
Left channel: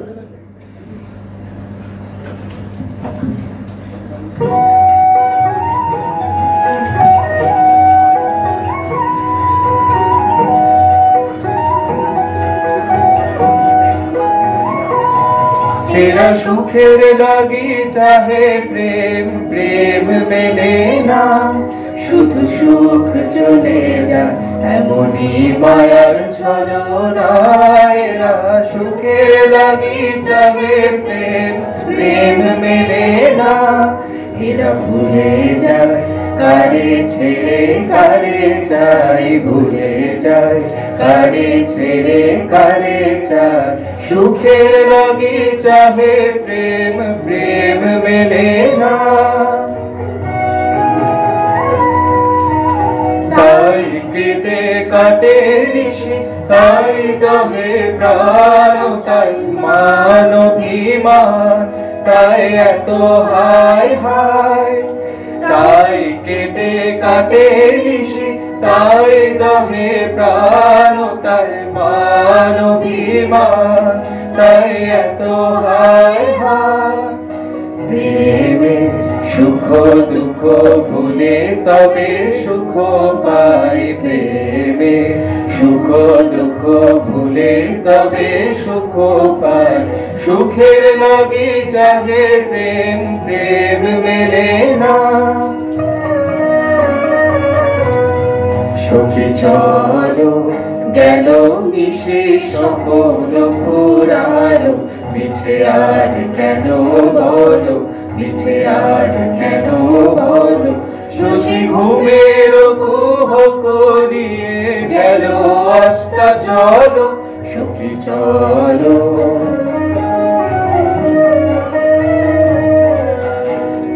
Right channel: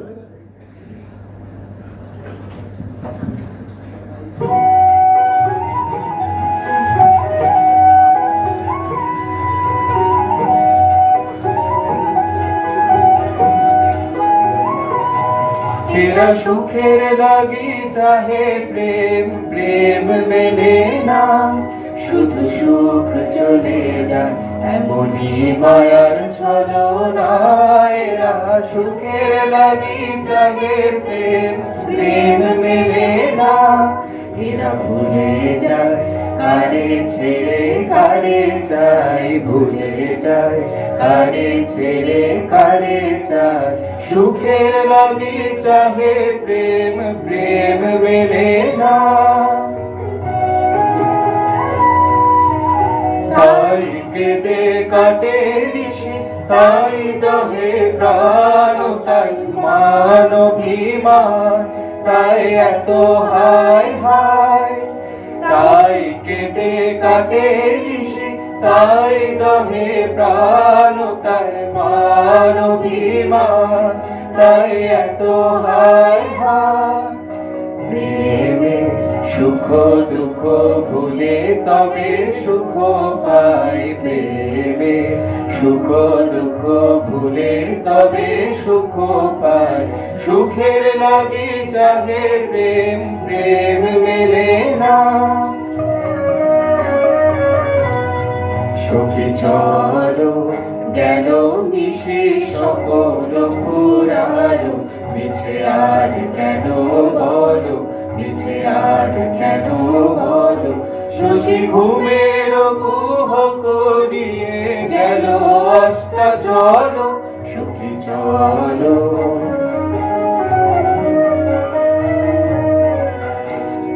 সেরা সুখের লাগি চাহে প্রেম, প্রেম মেলে না, শুধু সুখ চলে যায় এমনি মায়ার ছলনা। এরা সুখের লাগি চাহে প্রেম, প্রেম মেলে না, এরা ভুলে যায় কারে ছেড়ে কারে চাই, ভুলে যায় কারে ছেড়ে কারে চাই। সুখের লাগি চাহে প্রেম, প্রেম মেলে না, তাই কেটে কাটে নিশি, তাই দহে প্রাণ, তাই মান অভিমান, তাই এত হায় হায়, তাই কেটে কাটে নিশি, তাই দহে প্রাণ, তাই মান অভিমান, তাই এত হায় হায়। প্রেমে সুখ দুঃখ ভুলে তবে সুখ পাই, প্রেমে সুখ দুঃখ ভুলে তবে সুখ পাই। সুখের লাগি চাহে প্রেম, প্রেম মেলে না। সখী চলো গেল মিশে সকল পুরালো, মিছে আর কেন বলো, মিছে আর কেন বলো। শশী ঘুমের কুহ করিয়ে গেল অস্তা চলো, সখী চলো।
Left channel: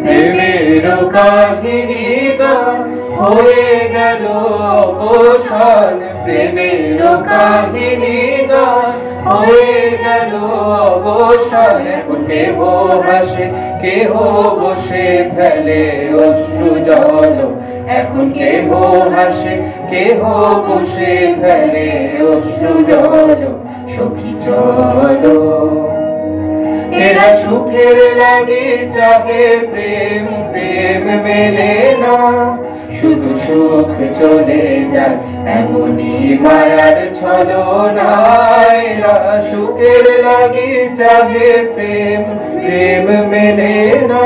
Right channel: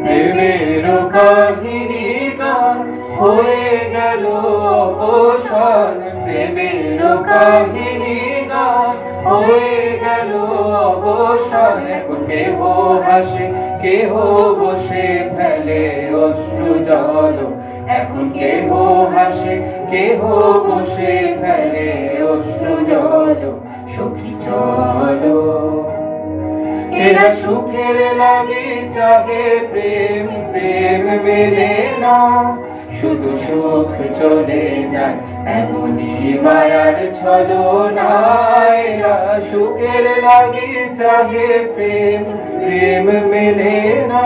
প্রেমের কাহিনী গান হয়ে গেল অবসান, প্রেমের কাহিনী গান হয়ে গেল অবসান। এখন কেহ হাসে, কেহ বসে ফেলে অশ্রু জল, এখন কেহ হাসে, কেহ বসে ফেলে অশ্রু জল। সখী চলো এরা সুখের লাগি চাহে প্রেম, প্রেম মেলে না। শুধু সুখ চলে যায় এমনি মায়ার ছলনা, এরা সুখের লাগি চাহে প্রেম, প্রেম মেলে না।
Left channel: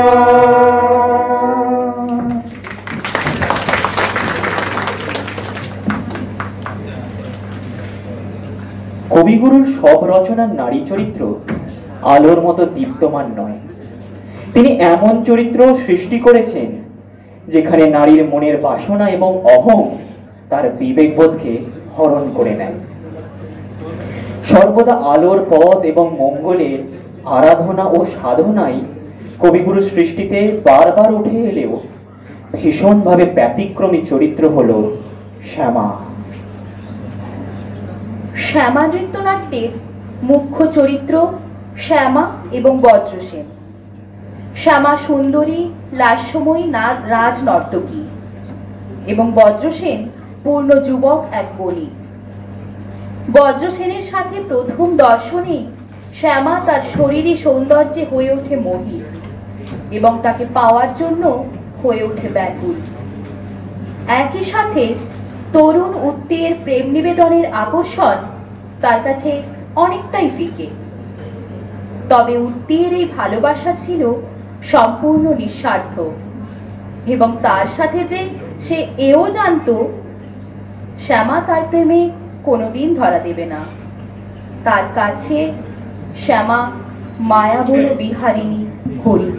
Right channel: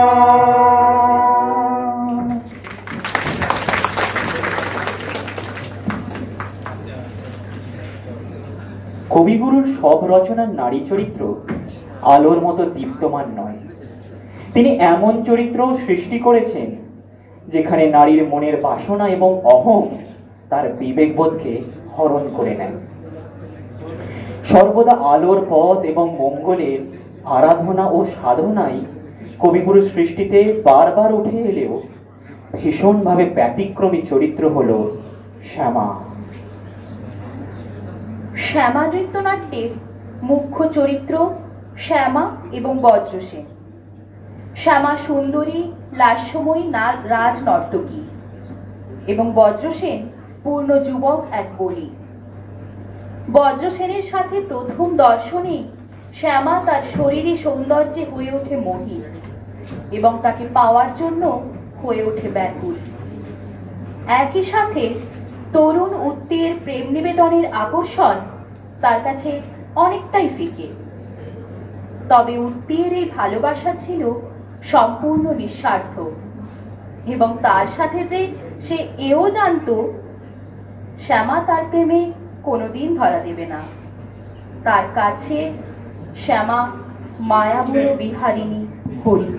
কবিগুরুর সব রচনার নারী চরিত্র আলোর মতো দীপ্তমান নয়। তিনি এমন চরিত্র সৃষ্টি করেছেন যেখানে নারীর মনের বাসনা এবং অহং তার বিবেকবোধকে হরণ করে নেয়। সর্বদা আলোর পথ এবং মঙ্গলের আরাধনা ও সাধনাই কবিগুরু সৃষ্টিতে বারবার উঠে এলেও ভীষণভাবে ব্যতিক্রমী চরিত্র হল শ্যামা। শ্যামা নৃত্যনাট্যের মুখ্য চরিত্র শ্যামা এবং বজ্রসেন। শ্যামা সুন্দরী লাস্যময়ী রাজনর্তকী এবং বজ্রসেন পূর্ণ যুবক এক বণিক। বজ্রসেনের সাথে প্রথম দর্শনে শ্যামা তার শরীরী সৌন্দর্যে হয়ে ওঠে মোহী এবং তাকে পাওয়ার জন্য হয়ে ওঠে ব্যাকুল। একই সাথে তরুণ উত্তের প্রেম নিবেদনের আকর্ষণ তার কাছে অনেকটাই ফিকে। তবে উত্তের এই ভালোবাসা ছিল সম্পূর্ণ নিঃস্বার্থ এবং তার সাথে যে সে এও জানত শ্যামা তার প্রেমে কোনোদিন ধরা দেবে না। তার কাছে শ্যামা মায়াবল বিহারিণী হরি।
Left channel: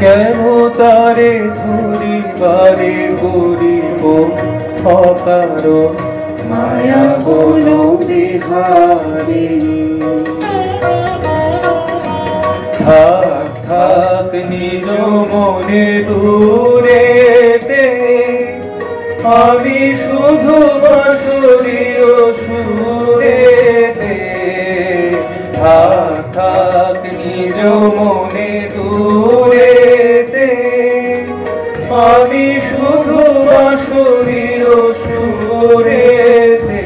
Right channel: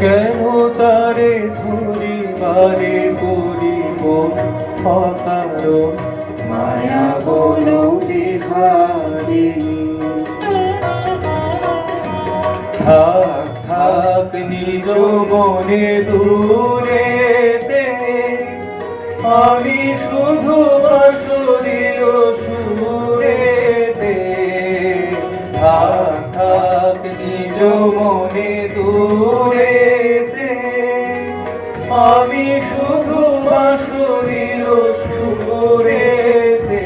কেন তারে ধুরি বারে করিব হতার, মায়া বলো বিহারিণী। থাক থাক নিজ মনে দূরে দে, আমি শুধু বাঁশরীয় সুরে দে। থাক থাক নিজ মনে দূরে দে, আমি শুধু বাঁশরীয় সুরে দে।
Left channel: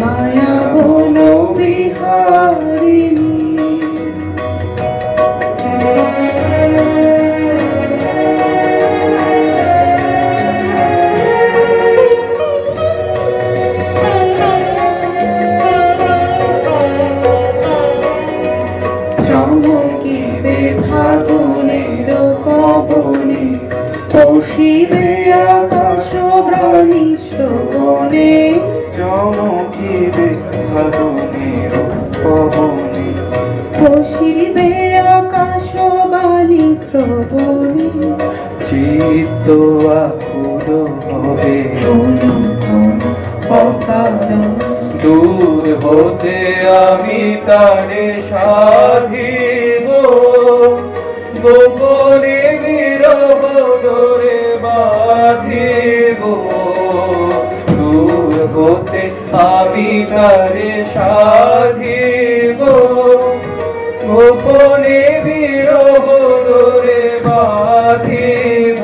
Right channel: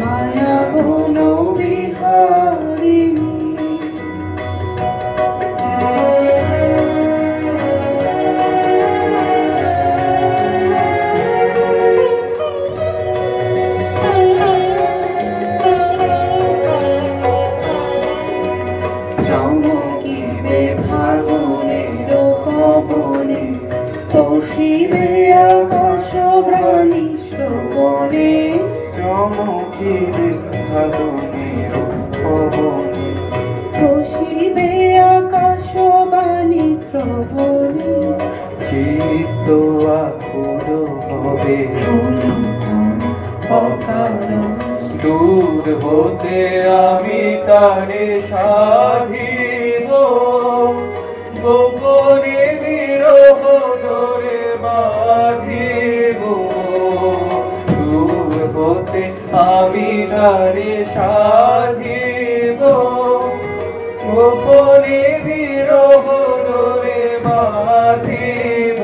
মায়া বলো বিহারিণী। শিবে আকাশবাণী শ্রবণে চমকিবে ফাগুনের পবনে শিবে আকাশবাণী শ্রবণে চিত্ত আকুল হবে অকারণ দূর হতে আমি তারে সাধিব গোপনে বিরহ ডোরে বাঁধিব দূর হতে আমি তারে সাধিব গোপনে বিরহ ডোরে বাঁধিব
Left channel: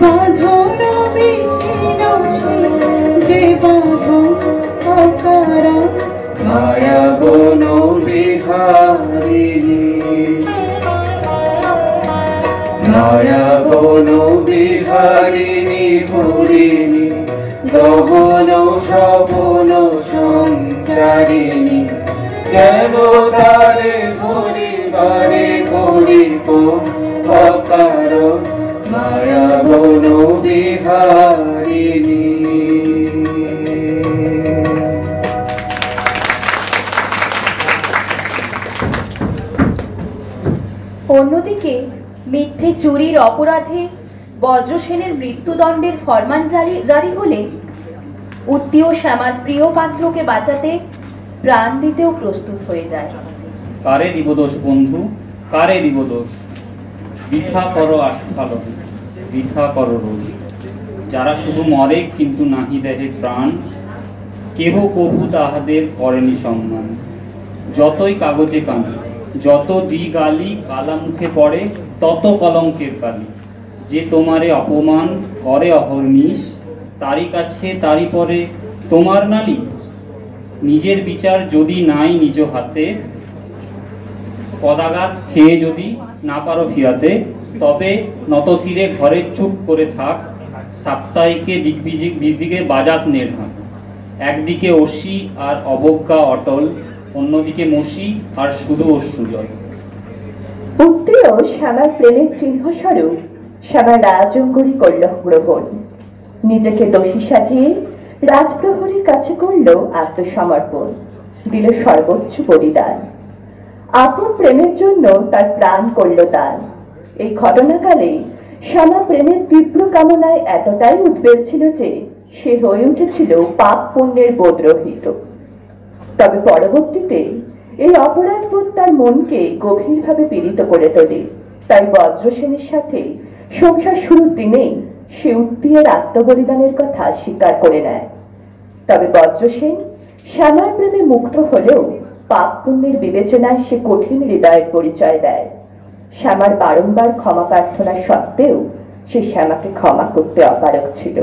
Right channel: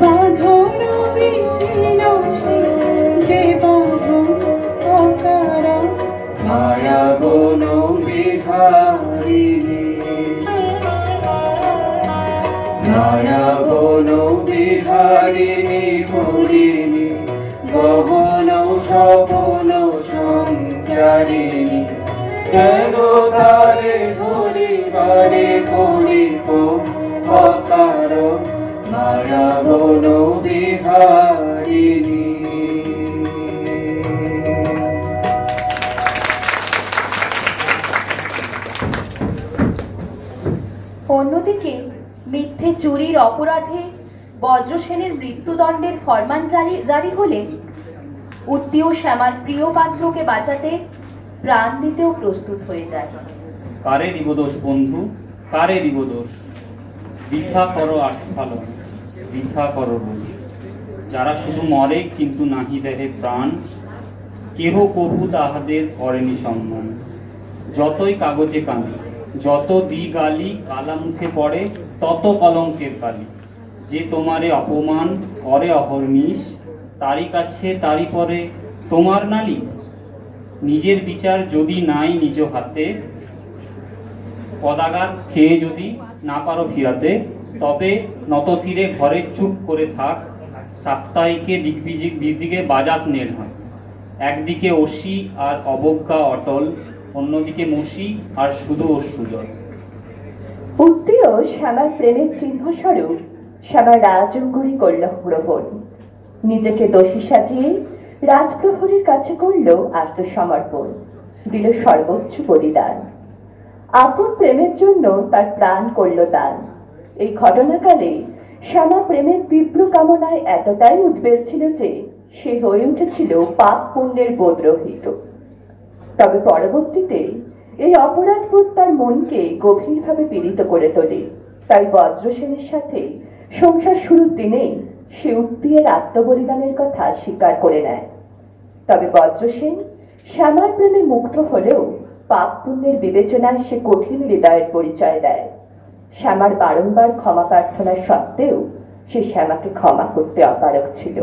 বাঁধন বিহীন যে বাঁধন অকারণ মায়া বন বিহারিণী মায়া বন বিহারিণী পুরিণী গহন সপন সঞ্চারিণী কেন তারে ধরিবারে করিব অকারণ মায়া বন বিহারিণী। অন্যদিকে মিথ্যে চুরির অপরাধে বজ্রসেনের মৃত্যুদণ্ডের ফরমান জারি হলে উত্তীয় শ্যামার প্রিয় পাত্রকে বাঁচাতে প্রাণ দিতেও প্রস্তুত হয়ে যায়। কারে দিব দোষ বন্ধু, কারে দিব দোষ? বৃথা করো আস্ফালন, বৃথা করো রোষ। যারা শুধু মরে কিন্তু নাহি দেহে প্রাণ, কেহ কভু তাহাদের করেনি সম্মান। যতই কাগজে কালি, যত গালি কালা মুখে পড়ে, তত কলঙ্কের কালি। যে তোমারে অপমান করে অহর্নিশ, তারই কাছে তারই পরে তোমার নালিশ। নিজের বিচার যদি নাই নিজ হাতে, পদাঘাত খেয়ে যদি না পারো ফিরাতে, তবে নতশিরে ঘরে চুপ করে থাক। সাপ্তাহিকে দিকে বাজাত নির্ভর। একদিকে অসি আর অবজ্ঞা অটল, অন্যদিকে মসি আর শুধু অশ্রুজল। উত্তীয় শ্যামার প্রেমের চিহ্নস্বরূপ শ্যামার রাজঙ্গরী করল গ্রহণ। নিজেকে দোষী সাজিয়ে রাজপ্রহরীর কাছে করল আত্মসমর্পণ, দিল সর্বোচ্চ বলিদান। আপন প্রেমের জন্য তার প্রাণ করল দান। এই ঘটনাকালে শ্যামা প্রেমের তীব্র কামনায় এতটাই উদ্বেগ ছিল যে সে হয়ে উঠেছিল পাপ পুণ্যের বোধরহিত। তবে পরবর্তীতে এই অপরাধবোধ তার মনকে গভীরভাবে পীড়িত করে তোলে। তাই বজ্রসেনের সাথে সংসার শুরুর দিনেই সে উত্তীয়ের আত্মবলিদানের কথা স্বীকার করে নেয়। তবে বজ্রসেন শ্যামার প্রেমে মুগ্ধ হলেও পাপ পুণ্যের বিবেচনায় সে কঠিন হৃদয়ের পরিচয় দেয়। শ্যামার বারংবার ক্ষমা প্রার্থনা সত্ত্বেও সে শ্যামাকে ক্ষমা করতে অপারগ ছিল।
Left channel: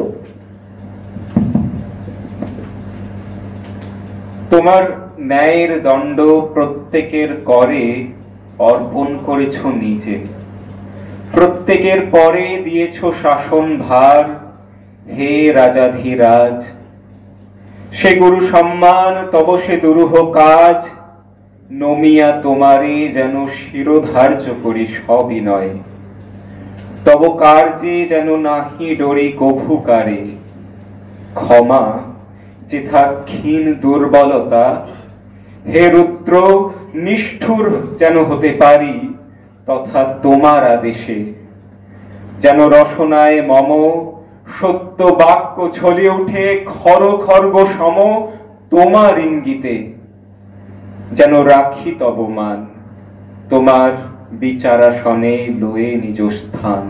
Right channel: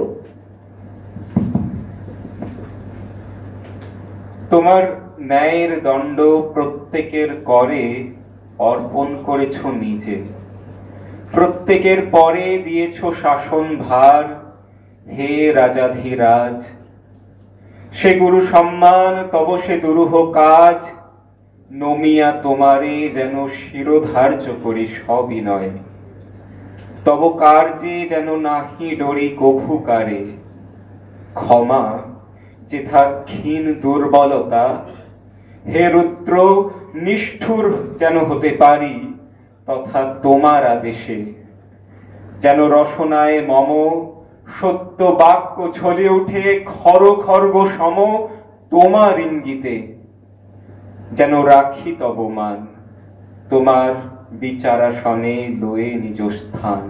তোমার ন্যায়ের দণ্ড প্রত্যেকের করে অর্পণ করেছ নিজে, প্রত্যেকের পরে দিয়েছ শাসন ভার। হে রাজাধিরাজ, সে গুরু সম্মান তব সে দুরূহ কাজ। নমিয়া তোমারে যেন শিরোধার্য করি সবিনয়, তব কার্যে যেন নাহি ডরি কভু কারে। ক্ষমা যেথা ক্ষীণ দুর্বলতা, হে রুদ্র নিষ্ঠুর যেন হতে পারি তথা তোমার আদেশে। যেন রসনায় মম সত্য বাক্য ছলিয়ে উঠে খর খর্গ সম তোমার ইঙ্গিতে। যেন রাখি তব মান তোমার বিচারাসনে লয়ে নিজ স্থান।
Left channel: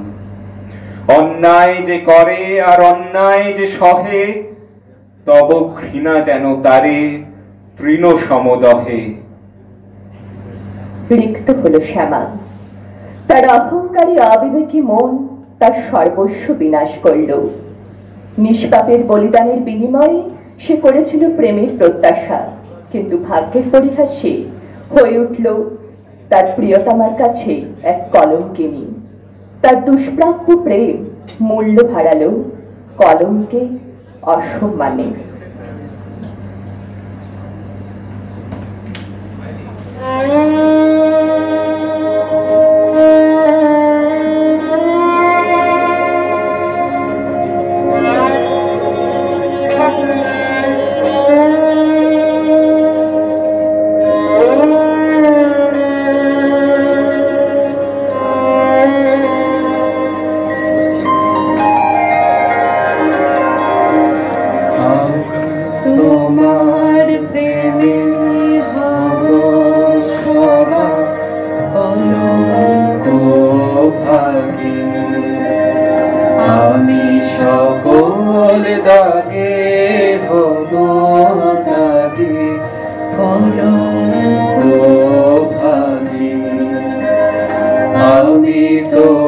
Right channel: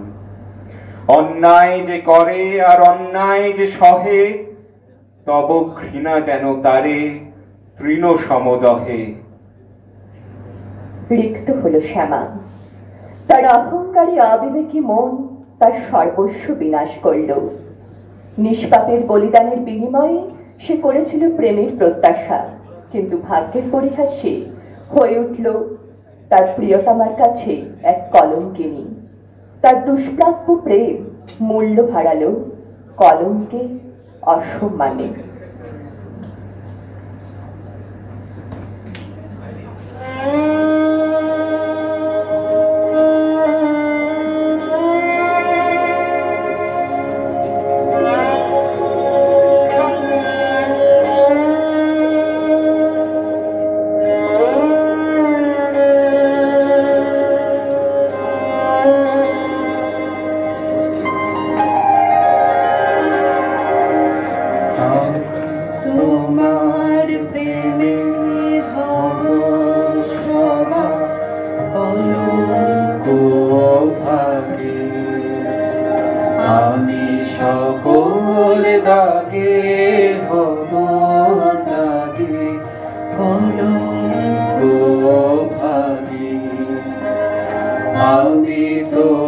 অন্যায় যে করে আর অন্যায় যে সহে, তব ঘৃণা যেন তারে তৃণ সমদহে। রিক্ত হল শ্যামা। তার অহংকারী অবিবেকী মন তার সর্বস্ব বিনাশ করল। নিষ্পাপের বলিদানের বিনিময়ে সে করেছিল প্রেমের প্রত্যাশা, কিন্তু ভাগ্যের পরিহাসে হয়ে উঠল তার প্রিয়তমার কাছে এক কলঙ্কিনী। তার দুষ্প্রাপ্য প্রেম মূল্য হারালো কলঙ্কে, অসম্মানে।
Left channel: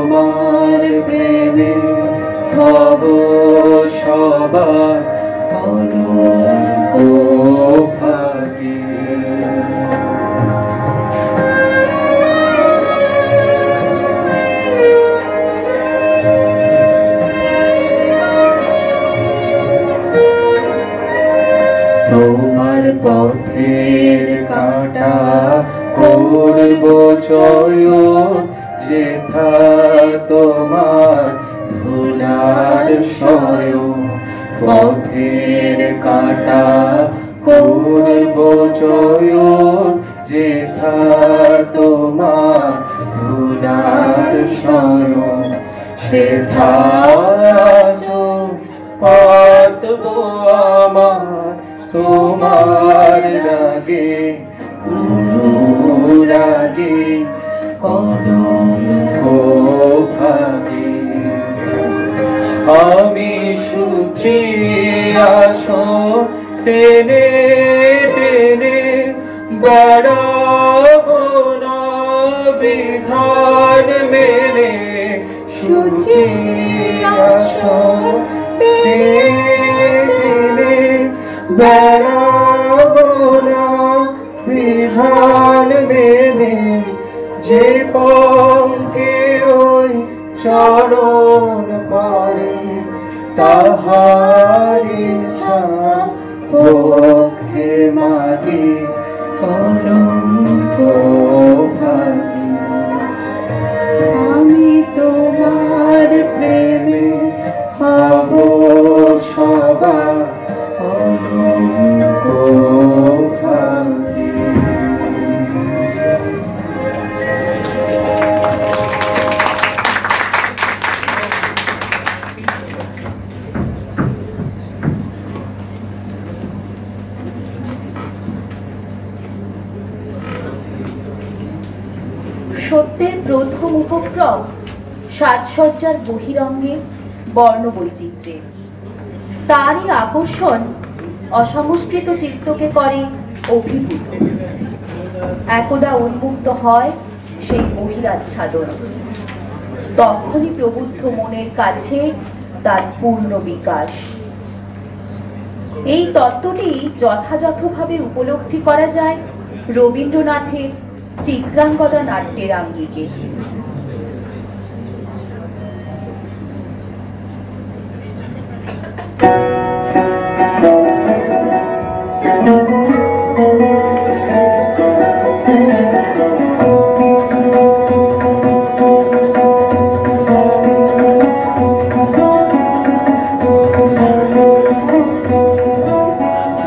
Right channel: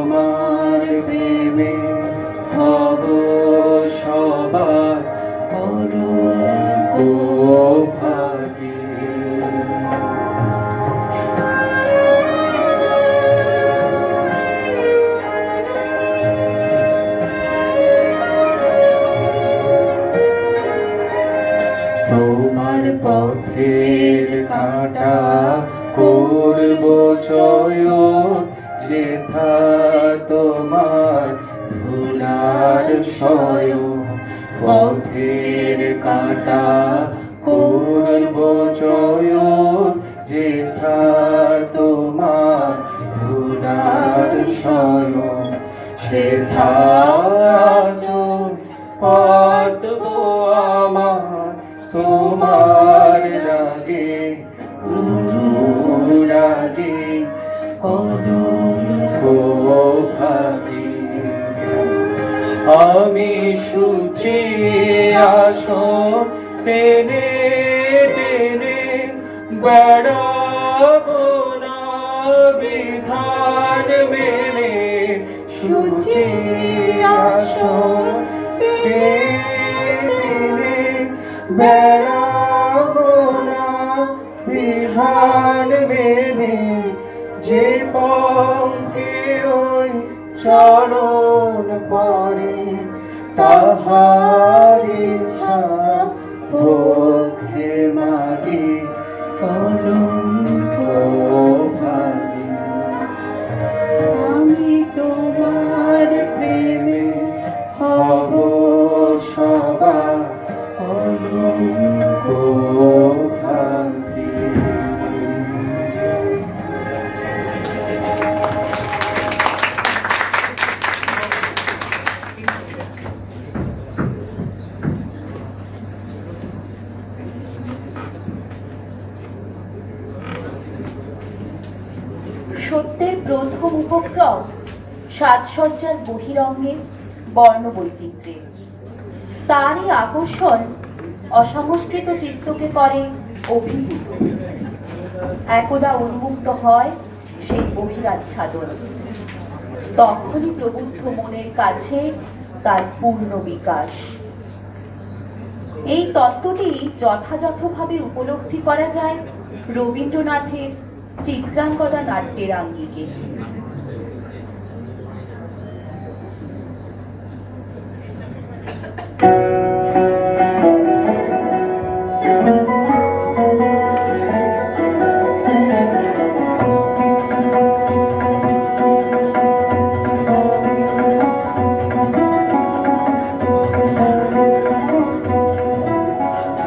তোমার প্রেমে হব সবার কলঙ্ক ভাগে। তোমার পথের কাঁটা করব জয়, যেথা তোমার ধুলার সয়। পথের কাঁটা করব জয়, যেথা তোমার ধুলার সয়। সেথা পাতব আমার তোমার রাগে, রাগে কলঙ্ক ভাগে। আমি সূচি আসো টেনে টেনে বেড়াবো না বিধান মেলে। সূচি আসো টেনে বেড়াবো না বিধান মেলে। যে পঙ্কে ওই চরণ পরে তাহারি পক্ষে মাগে কলঙ্ক ভাগে। আমি তোমার প্রেমে হব সবার কলঙ্ক ভাগে। সত্যের প্রথম উপক্রম সাজসজ্জার বহিরঙ্গে বর্ণবৈচিত্র্যে। তারই আকর্ষণ অসংস্কৃত চিত্তকে করে অভিভূত। একদা উন্মুক্ত হয় সেই বহিরাচ্ছাদন, তখনই প্রবুদ্ধ মনের কাছে তার পূর্ণ বিকাশ। এই তত্ত্বটি যথাযথভাবে উপলব্ধি করা যায় রবীন্দ্রনাথের চিত্রাঙ্গদা নাট্যের আঙ্গিকে।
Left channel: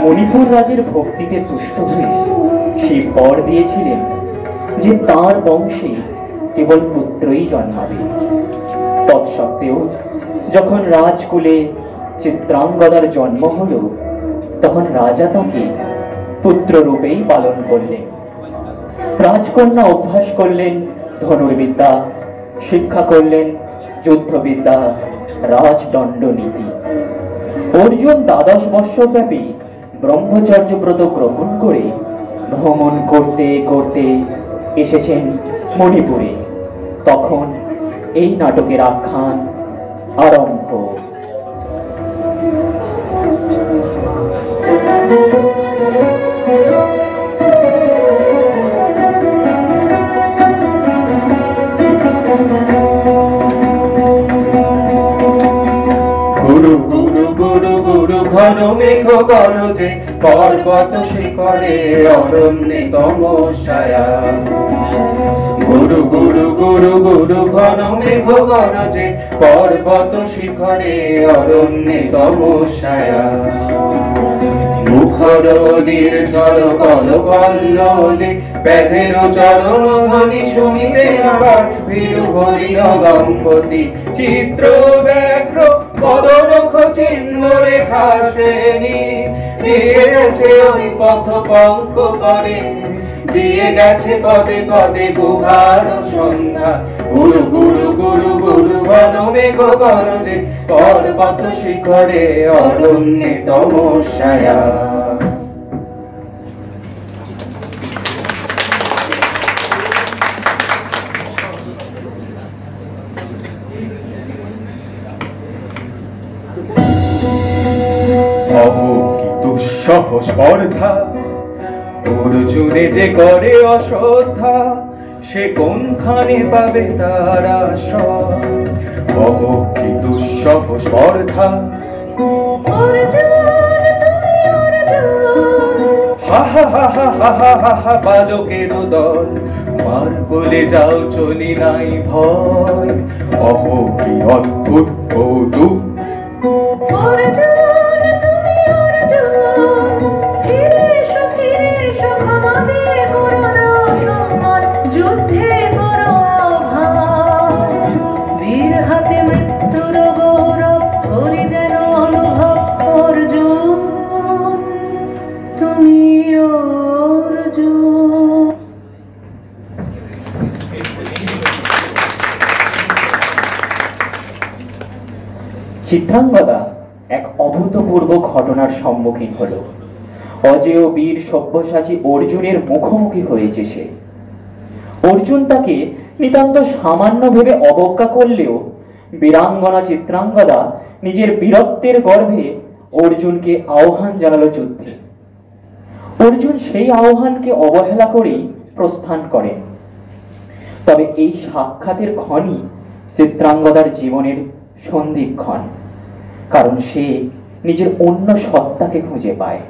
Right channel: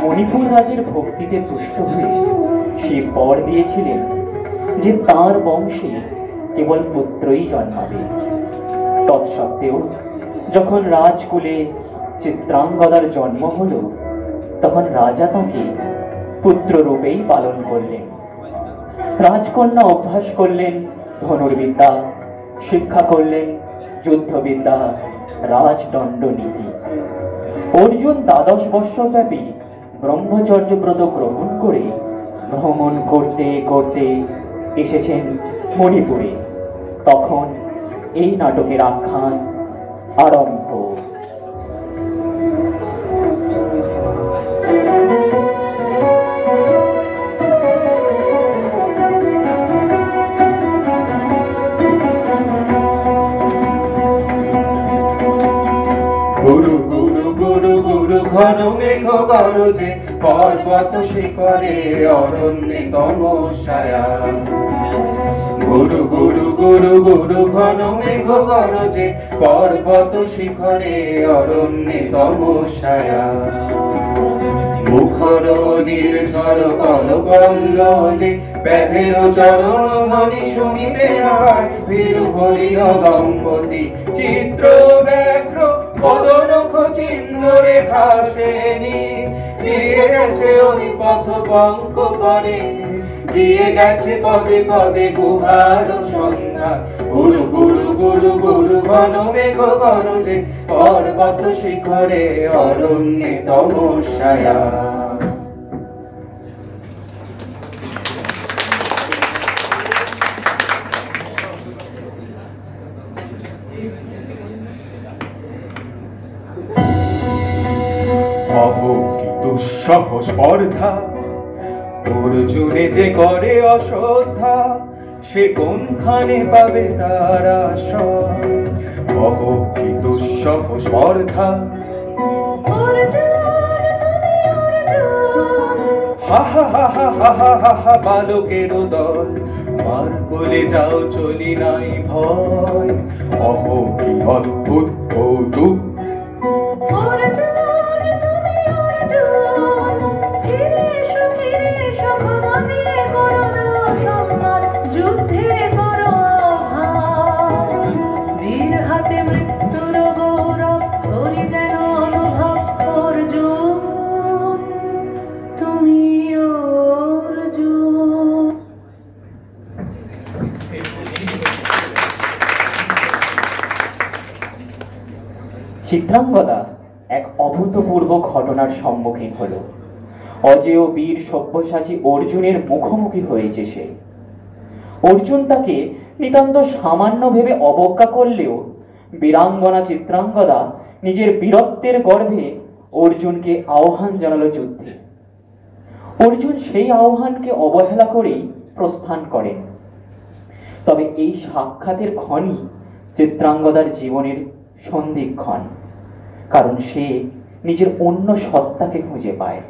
মণিপুর রাজের ভক্তিতে তুষ্ট হয়ে সে বর দিয়েছিলেন যে তাঁর বংশে কেবল পুত্রই জন্মাবে। তৎসত্ত্বেও যখন রাজকুলে চিত্রাঙ্গদার জন্ম হল, তখন রাজা তাকে পুত্র রূপেই পালন করলেন। রাজকন্যা অভ্যাস করলেন ধনুর্বিদ্যা, শিক্ষা করলেন যুদ্ধবিদ্যা, রাজদণ্ড নীতি। অর্জুন 12 বৎসর ব্যাপী ব্রহ্মচর্য ব্রত গ্রহণ করে ভ্রমণ করতে করতে এসেছেন মণিপুরে। তখন এই নাটকের আখ্যান আরম্ভ। গুরু গুরু গুরু গুরু ঘন মেঘ গরজে, পর্বত শিখরে অরণ্যে তমসায়া। গুরু গুরু গুরু গুরু ঘন মেঘ গরজে, পর্বত শিখরে অরণ্যে তমসায়া। মুখর নির্ঝর কলকল্লোলে, ব্যাধের চরণ ধ্বনি শুনিতে আবার ভীরু হরিণ দম্পতি চিত্র ব্যাঘ্র পদনখ চিহ্ন রেখা শ্রেণী দিয়ে গেছে ওই পথ পঙ্ক পরে, দিয়ে গেছে পদে পদে গুহার সন্ধ্যা। গুরু গুরু গুরু গুরু ঘন মেঘ গরজে, পর্বত শিখরে অরণ্যে তমসায়া। দুঃসহ স্পর্ধা অর্জুনে যে করে অশ্রদ্ধা, সে কোনখানে পাবে তার আশ্রয়? কি দুঃসহ স্পর্ধা, হা হা হা হা হা হা হা হা, বালকের দল মার কোলে যাও চলি নাই ভয়। কি অদ্ভুত কৌতুক, চিত্রাঙ্গদা এক অভূতপূর্ব ঘটনার সম্মুখীন হল। অজেয় বীর সব্যসাচী অর্জুনের মুখোমুখি হয়েছে সে। অর্জুন তাকে নিতান্ত সামান্য ভেবে অবজ্ঞা করলেও বীরাঙ্গনা চিত্রাঙ্গদা নিজের বীরত্বের গর্ভে অর্জুনকে আহ্বান জানালো যুদ্ধে। অর্জুন সেই আহ্বানকে অবহেলা করেই প্রস্থান করেন। তবে এই সাক্ষাতের ক্ষণই চিত্রাঙ্গদার জীবনের সন্ধিক্ষণ, কারণ সে নিজের অন্য সত্তাকে খুঁজে পায়।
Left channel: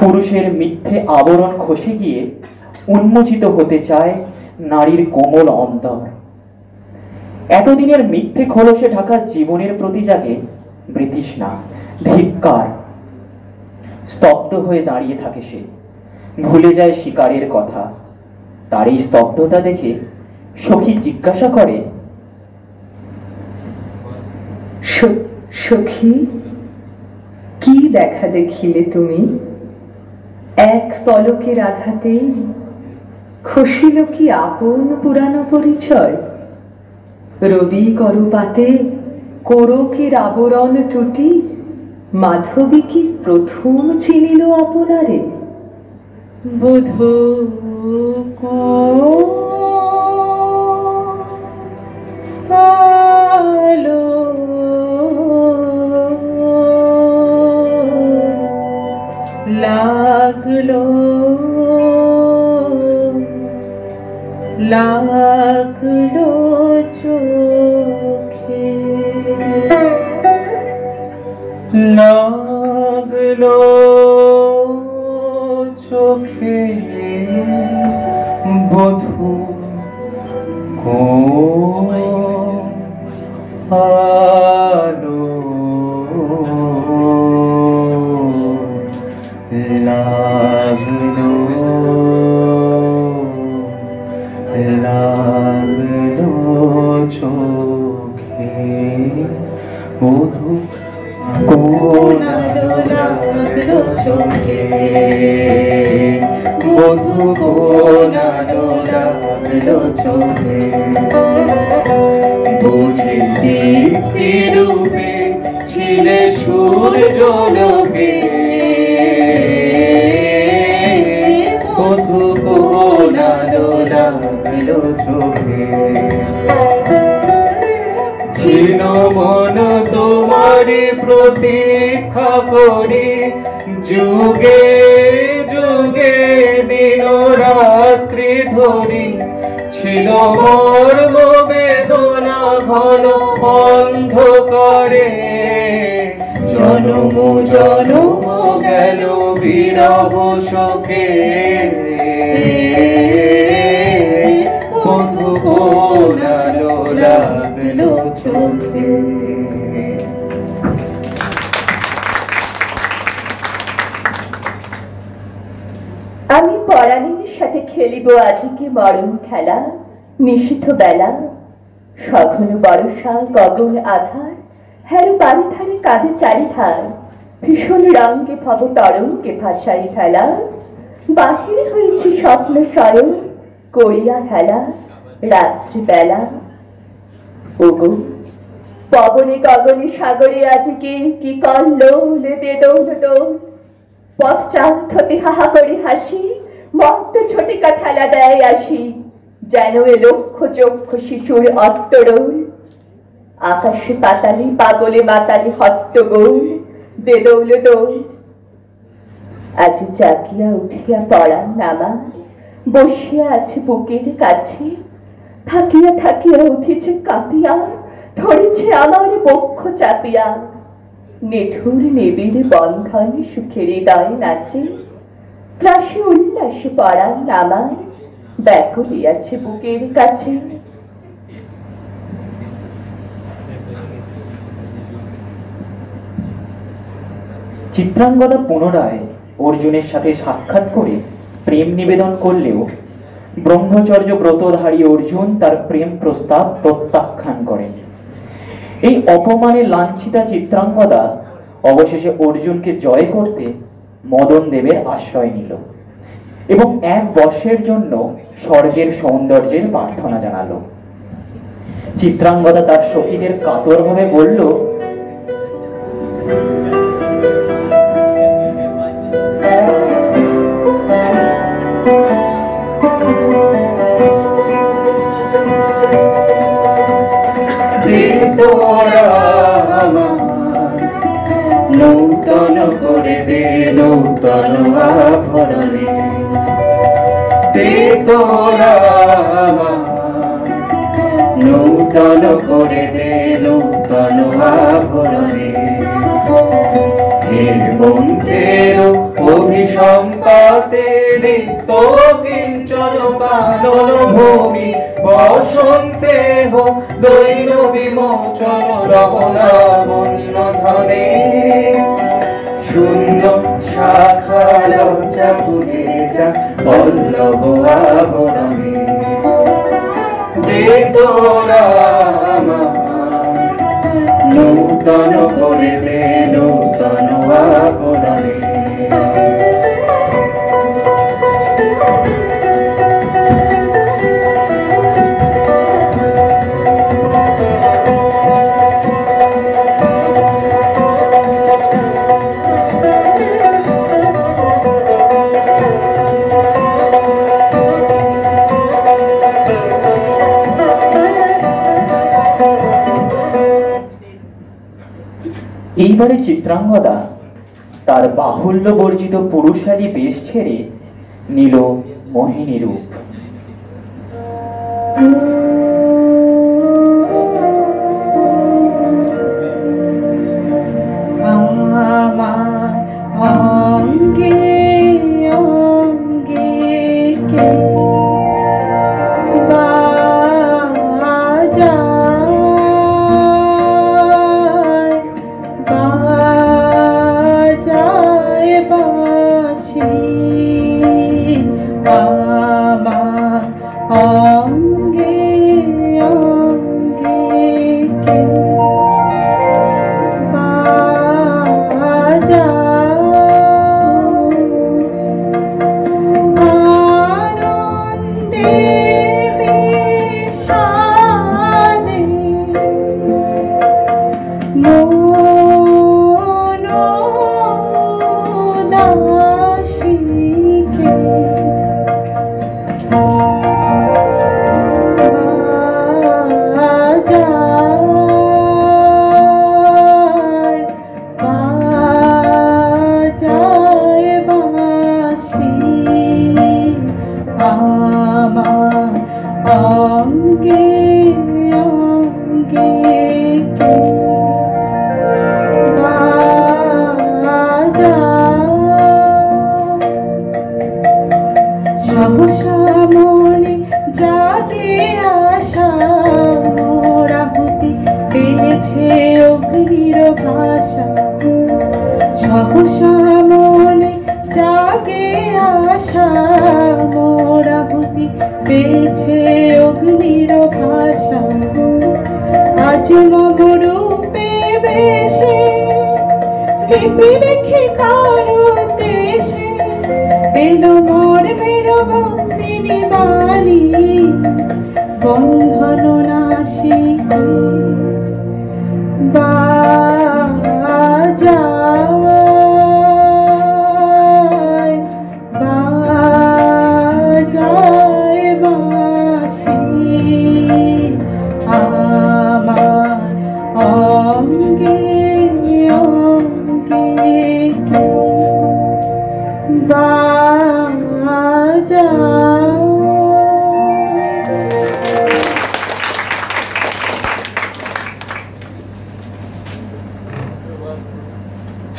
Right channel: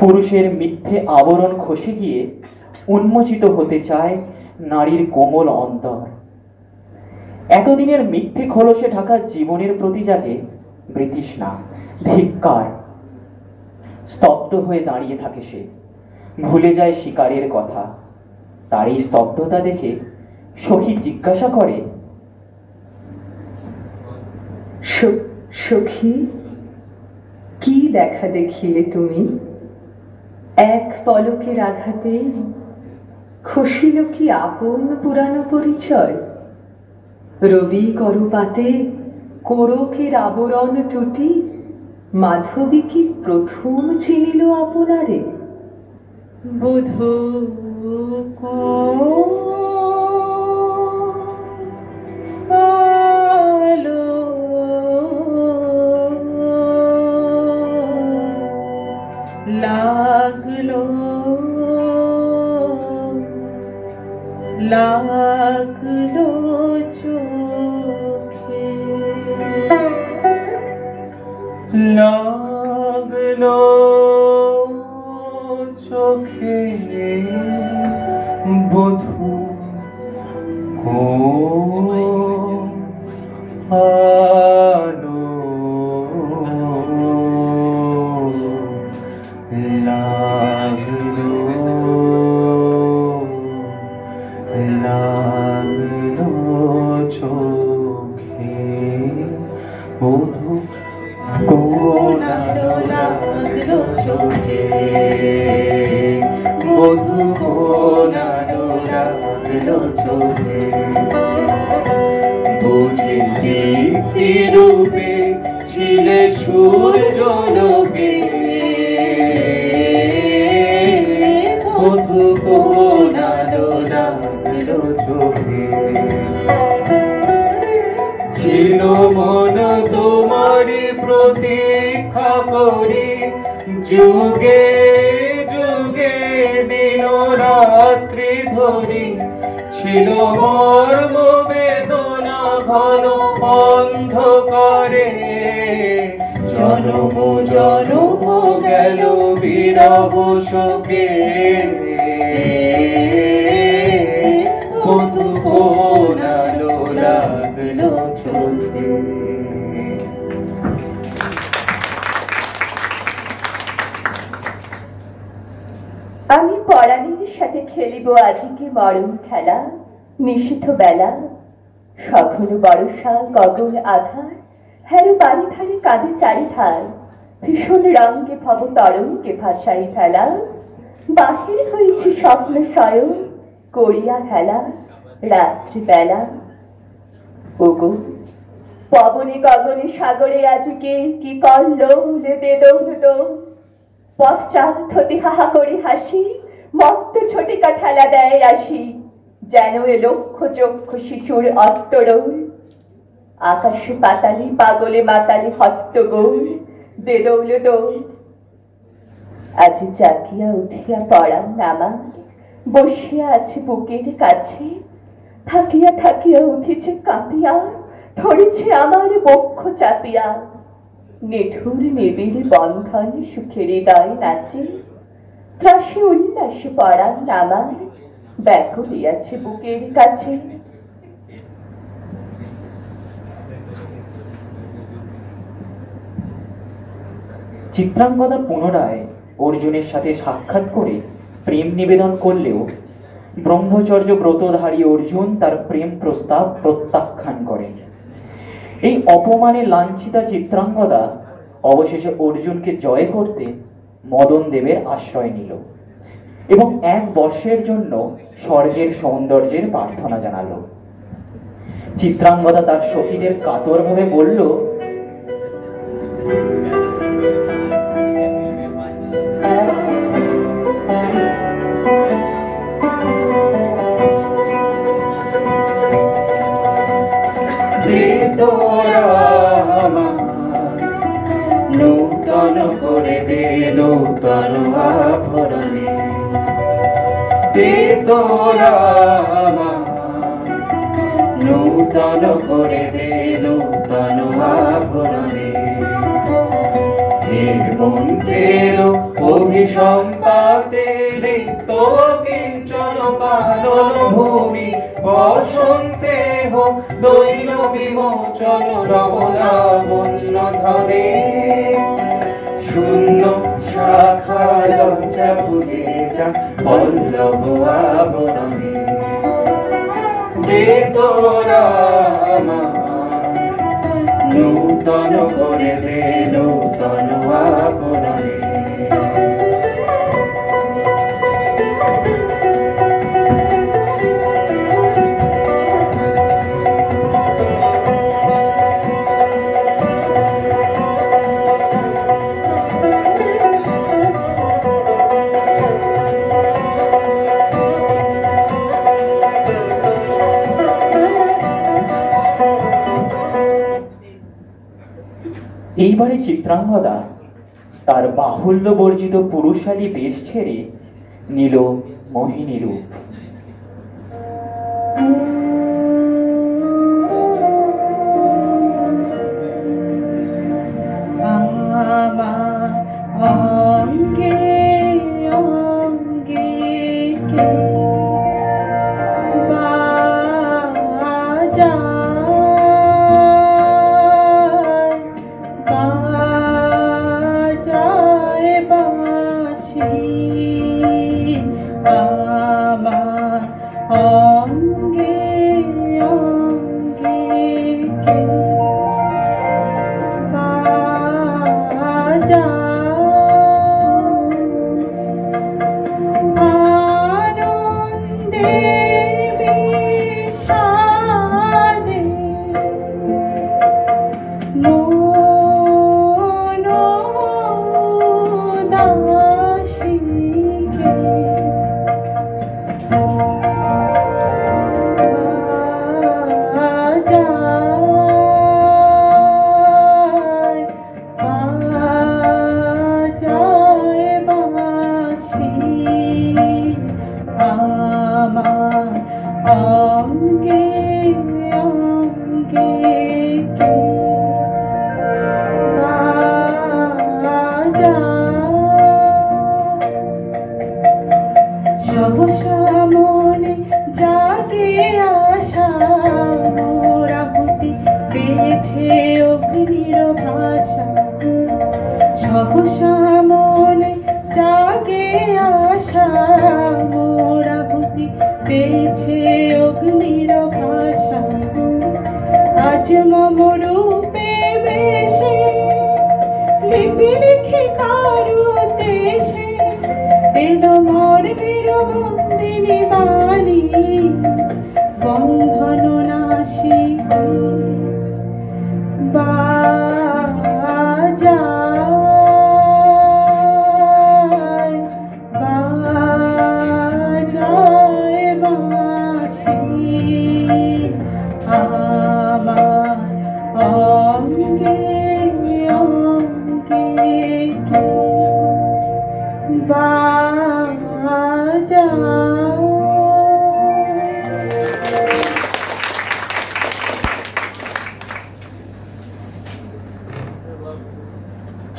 পুরুষের মিথ্যে আবরণ খসে গিয়ে উন্মোচিত হতে চায় নারীর কোমল অন্তর। এতদিনের মিথ্যে খোলসে ঢাকা জীবনের প্রতি জাগে বৃতৃষ্ণা, ধিক্কার। স্তব্ধ হয়ে দাঁড়িয়ে থাকে সে, ভুলে যায় শিকারের কথা। তার এই স্তব্ধতা দেখে সখী জিজ্ঞাসা করে, সখী, কি দেখা দেখিলে তুমি? এক পলকের আঘাতে খসিল কি আপন পুরানো পরিচয়? রবি করপাতে কোরকের আবরণ টুটি, মাধবী কি প্রথম চিনিল আপনারে? বোধো লাগলো লাগলো চোখে, লাগলো চোখে, বধূ আলো লাগলো লাগলো চোখে, বধূ কোন লাগলো চোখে, বধূ কোন লাগলো চোখে, বুঝি দীপ্তি রূপে ছিলে সূর্য লোকে, বধূ কোন লাগলো চোখে। ছিল মন তোমারি প্রতীক্ষা করি, যুগে যুগে দিন রাত্রি ধরি, ছিল মর্ম বেদনা ঘন অন্ধকারে, জনম জনম গেল বিরহ শোকে, বধূ কোন লাগলো চোখে। আমি পরাণীর সাথে খেলিব আজিকে মরণ খেলা, নিশীথ বেলা, সঘন বর্ষা গগন আধার, হেরু বাড়ি ধারে কাঁধে চারিধার, ভীষণ রঙ্গে ভব তরঙ্গে ভাসাই ফেলা, বাহির হয়েছে স্বপ্ন শয়ন করিয়া হেলা, রাত্রি বেলা। ওগো পবনে গগনে সাগরে আজিকে কি কল্লোল বেদৌল দোল, পশ্চাৎ হতে হাহা করে হাসি, মত্ত ছোটিকা ঠেলা দেয় আসি, যেন এ লক্ষ চক্ষু শিশুর অট্টরোল, আকাশে পাতালে পাগলে মাতালে হট্টগোল দে দৌল দৌল। আজ জাগিয়া উঠিয়া পড়ার নামা বসিয়া আছে বুকের কাছে, থাকিয়া থাকিয়া উঠেছে কাঁপিয়া, ধরেছে আমার বক্ষ চাপিয়া। নিঠুর নিবিড় বন্ধন সুখের হৃদয় নাচে, ত্রাসে উল্লাসে পড়ার নামা ব্যাকুল আছে বুকের কাছে। চিত্রাঙ্গদা পুনরায় অর্জুনের সাথে সাক্ষাৎ করে প্রেম নিবেদন করলেও ব্রহ্মচর্য ব্রতধারী অর্জুন তার প্রেম প্রস্তাব প্রত্যাখ্যান করেন। এই অপমানে লাঞ্ছিতা চিত্রাঙ্গদা অবশেষে অর্জুনকে জয় করতে মদন দেবের আশ্রয় নিল এবং 1 বর্ষের জন্য স্বর্গের সৌন্দর্যের প্রার্থনা জানালো। চিত্রাঙ্গদা তার সখীদের কাতরভাবে বলল, নূতন করে দে নূতন আভরণে, দে তোরা নূতন করে দে নূতন আভরণে। বন্ধের অভিসম্পাতে রিক্ত কিঞ্চন পালন ভূমি, বসন্তে হোক দৈন বিমোচন রবণাবন্য ধনে। শূন্য শাখা লজ্জা ভুলে যা পল্লব আবরণে, দে তোরা নূতন করে দে নূতন আবরণে। এইবারে চিত্রাঙ্গদা তার বাহুল্য বর্জিত পুরুষালী বেশ ছেড়ে নিল মোহিনী রূপ।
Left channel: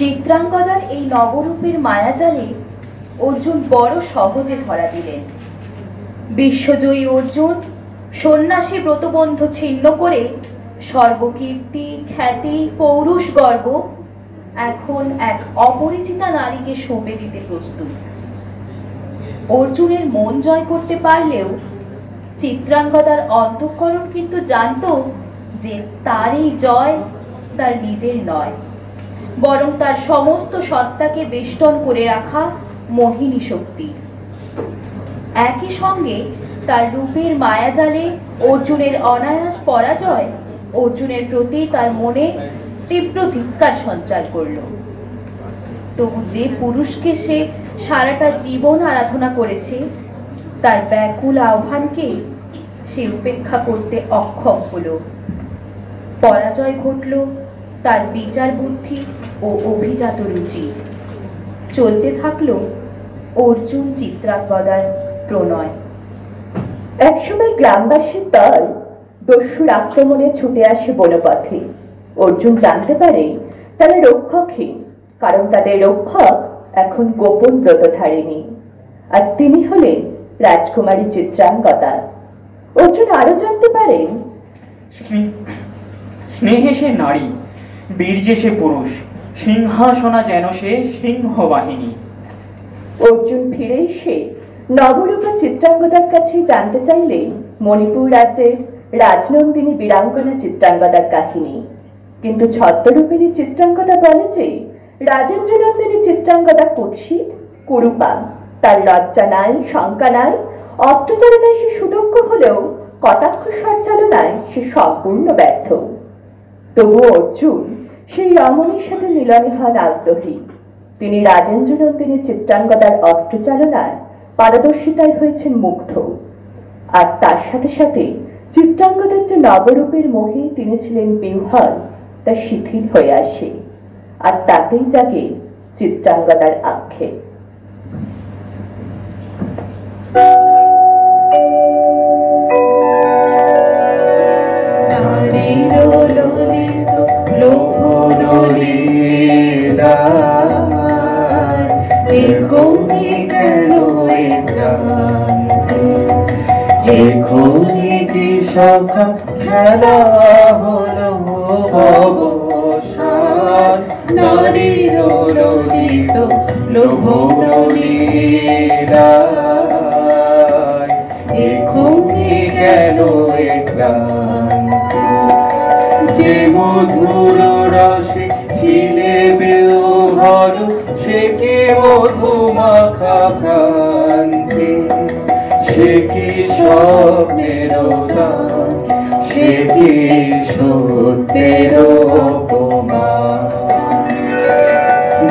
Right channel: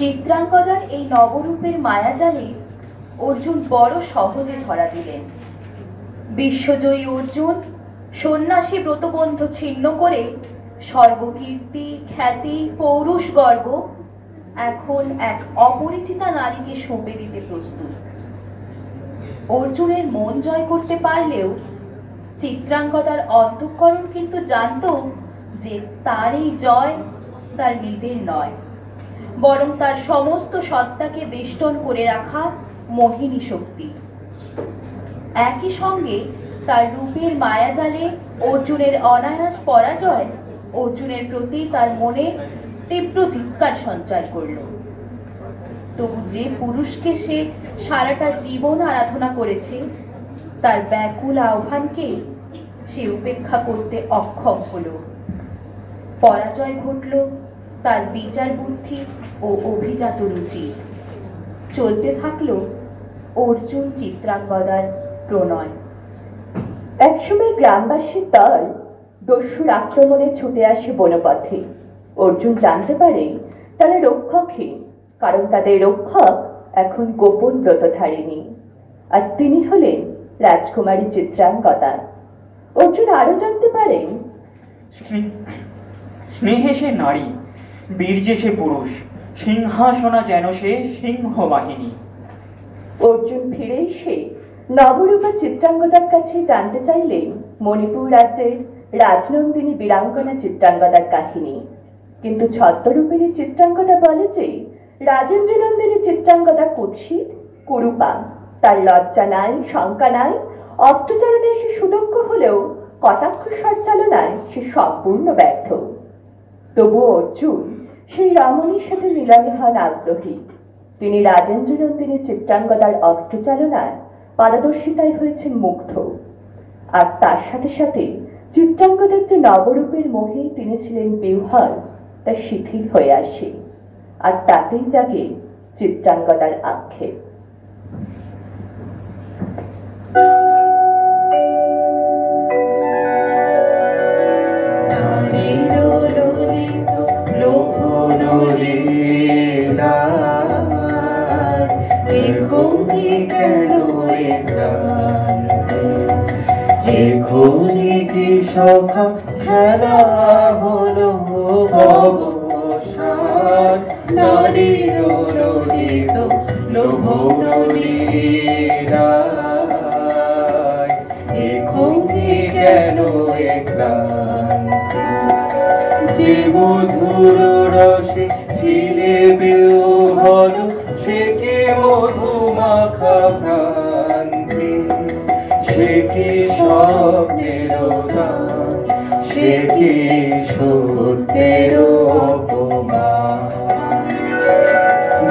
চিত্রাঙ্গদার এই নবরূপের মায়াজালে অর্জুন বড় সহজে ধরা দিলেন। বিশ্বজয়ী অর্জুন সন্ন্যাসী ব্রতবন্ধ ছিন্ন করে সর্বকীর্তি, খ্যাতি, পৌরুষ গর্ব এখন এক অপরিচিতা নারীকে সঁপে দিতে প্রস্তুত। অর্জুনের মন জয় করতে পারলেও চিত্রাঙ্গদার অন্তঃকরণ কিন্তু জানত যে তার এই জয় তার নিজের নয়, বরং তার সমস্ত সত্তাকে বেষ্টন করে রাখা মোহিনী শক্তি। একই সঙ্গে তার রূপের মায়াজালে অর্জুনের অনায়াস পরাজয় অর্জুনের প্রতি তার মনে তীব্র ধিক্কার সঞ্চার করল। তবু যে পুরুষকে সে সারাটা জীবন আরাধনা করেছে তার ব্যাকুল আহ্বানকে সে উপেক্ষা করতে অক্ষম হল। পরাজয় ঘটল তার বিচার বুদ্ধি ও অভিজাত রুচি। চলতে থাকলো অর্জুন চিত্রাঙ্গদার প্রণয়। একসময় গ্রামবাসীর দল দস্যুর আক্রমণে ছুটে আসে বনপথে। অর্জুন জানতে পারে তারা রক্ষকহীন, কারণ তাদের রক্ষক এখন গোপন ব্রতধারিণী, আর তিনি হলেন রাজকুমারী চিত্রাঙ্গদা। অর্জুন আরো জানতে পারেন স্নেহে সে নারী, বীর্যে সে পুরুষ, সিংহাসনা যেন সে সিংহ বাহিনী। অর্জুন ফিরে এসে নবরূপা চিত্রাঙ্গদার কাছে জানতে চাইলেন মণিপুর রাজ্যের রাজনন্দিনী বীরাঙ্গনা চিত্রাঙ্গদার কাহিনী। কিন্তু ছদ্মরূপিণী চিত্রাঙ্গদা বলে যে রাজেন্দ্র নন্দিনী চিত্রাঙ্গদা কুৎসিত, কুরূপা, তার লজ্জা নাই, শঙ্কা নাই, অস্ত্রচালনায় সে সুদক্ষ হলেও কটাক্ষ সঞ্চালনায় সে সম্পূর্ণ ব্যর্থ। তবু অর্জুন সেই রমণীর সাথে মিলনে হন আগ্রহী। তিনি রাজেন্দ্র নন্দিনী চিত্রাঙ্গদার অস্ত্রচালনার পারদর্শিতায় হয়েছেন মুগ্ধ, আর তার সাথে সাথে চিত্রাঙ্গদার যে নবরূপের মোহে তিনি ছিলেন বিহ্বল তা শিথিল হয়ে আসে, আর তাতেই জাগে চিত্রাঙ্গদার আক্ষেপ। সখা খেলা হলো অবসান, নারীর ললিত লোভনীরায় এখনই গেল যে মধুর রসে ছিলে বেউঘর, সে কি মধুমাখা প্রান্তে, সে কি স্বপ্নের দাস, সে কি সত্যের অপমান।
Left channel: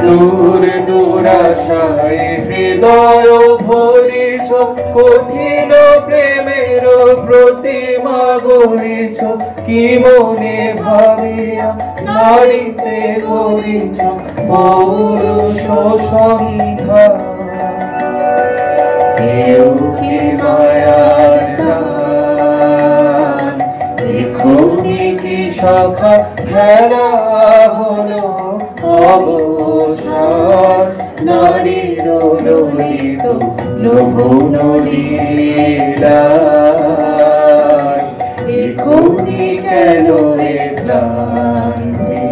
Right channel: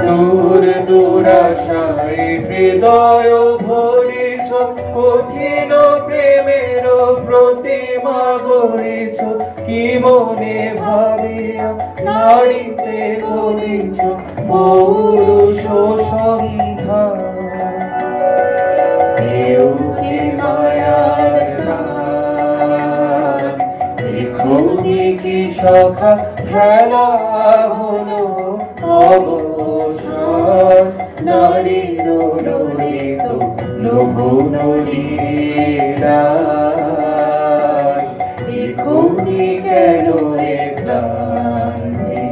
দূর দূরাশায় হৃদয় ভরিছ, কঠিন প্রেমের প্রতিমা গড়িছ, কি মনে ভাবিয়া নারীতে করিছ পৌরুষ সন্ধ্যা। কেউ কি মায়ার গান, এখনই কি সখা খেলা হলো অবসান, নারীর ললিত লোভনীরায় এখনই কেন ক্লান্তি।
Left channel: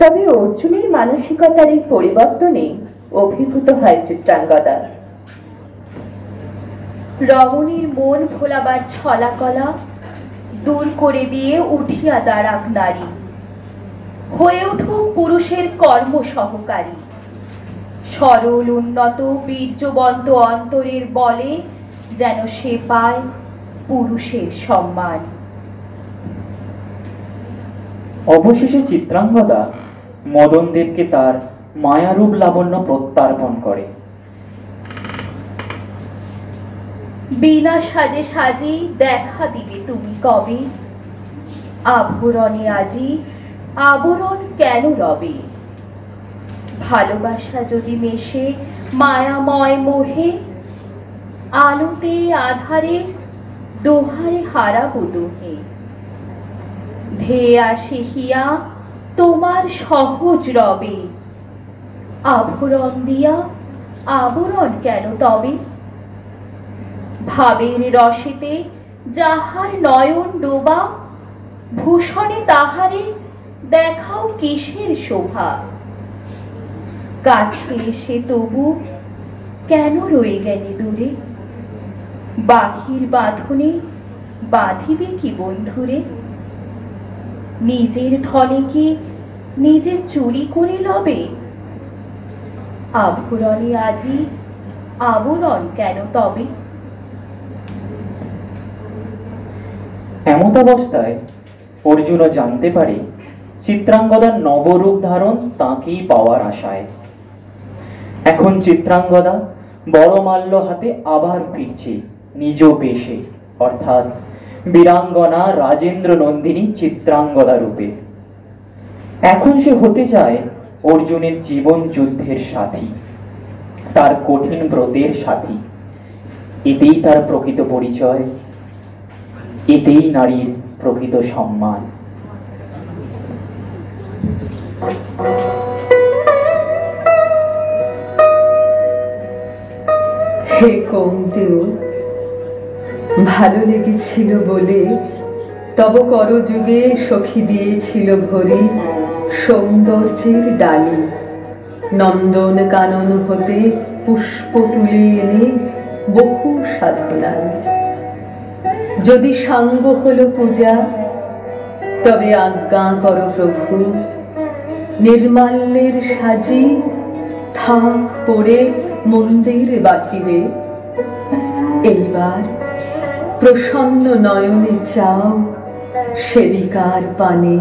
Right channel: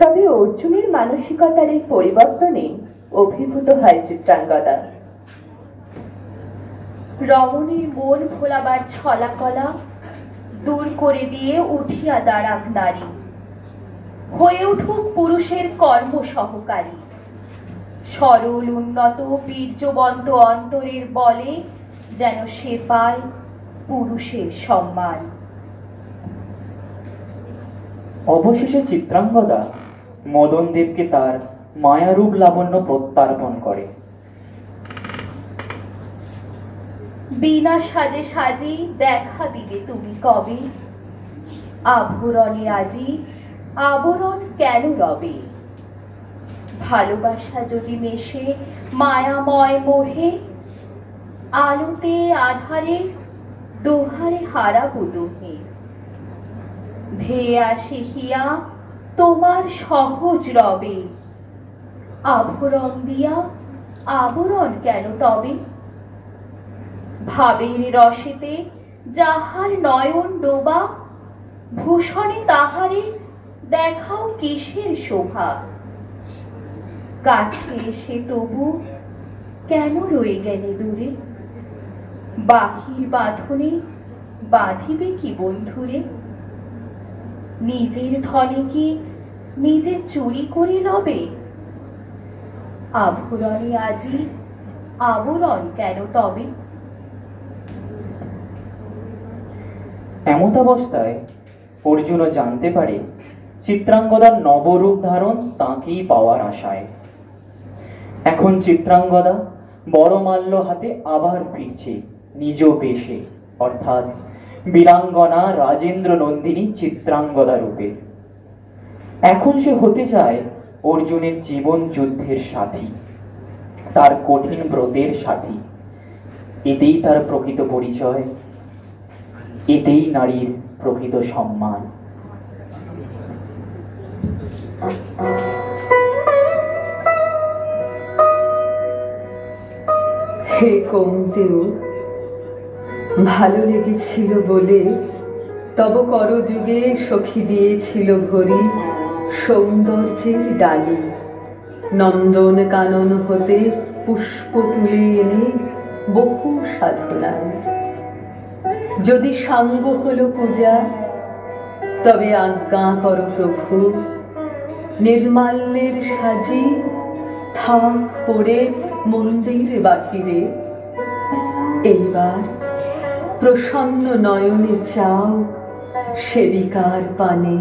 তবে অর্জুনের মানসিকতার এই পরিবর্তনে অভিভূত হয় চিত্রাঙ্গদা। রমণীর মন ভোলাবার ছলাকলা দূর করে দিয়ে উঠিয়া দাঁড়াক নারী, হয়ে উঠুক পুরুষের কর্ম সহকারী। সরল উন্নত বীর্যবন্ত অন্তরের বলে যেন সে পায় পুরুষের সম্মান। অবশেষে চিত্রাঙ্গদা মদনদেবকে তার মায়ারূপ লাবণ্য প্রত্যার্পণ করে। বিনা সাজে সাজি দেখা দিবে তুমি কবে, আভরণে আজি আবরণ কেন রবে। ভালোবাসা যদি মেশে মায়াময় মোহে, আলোতে আধারে দোহারে হারাবো দোহে। ধেয়ে আসে হিয়া তোমার সহজ রবে, আভরণ দিয়া আবরণ কেন তবে? ভাবের রসেতে যাহার নয়ন ডোবা, ভূষণে তাহারে দেখাও কিসের শোভা? কাছে এসে তবু কেন রয়ে গেলে দূরে? বাহির বাঁধনে বাঁধিবে কি বন্ধুরে? নিজের ধনে কি নিজে চুরি করে লবে? আভরণে আজি আবরণ কেন তবে? এমতাবস্থায় অর্জুনও জানতে পারে চিত্রাঙ্গদার নবরূপ ধারণ তাঁকেই পাওয়ার আশায়। এখন চিত্রাঙ্গদা বড়মাল্য হাতে আবার ফিরছে নিজ বেশে, অর্থাৎ বীরাঙ্গনা রাজেন্দ্র নন্দিনী চিত্রাঙ্গদা রূপে। এখন সে হতে চায় অর্জুনের জীবন যুদ্ধের সাথী, তার কঠিন ব্রতের সাথী। এতেই তার প্রকৃত পরিচয়, এতেই নারীর প্রকৃত সম্মান। হে কৌন্তেয়, ভালো লেগেছিল বলে তব করযুগে সখী দিয়েছিল ভরি সৌন্দর্যের ডালি। নন্দন কানন হতে পুষ্প তুলে এনে বহু সাধনায়। যদি সাঙ্গ হলো পূজা, তবে আজ্ঞা করো প্রভু, নির্মাল্যের সাজি থাক পড়ে মন্দির বাহিরে। এইবার প্রসন্ন নয়নে চাও সেবিকার পানে।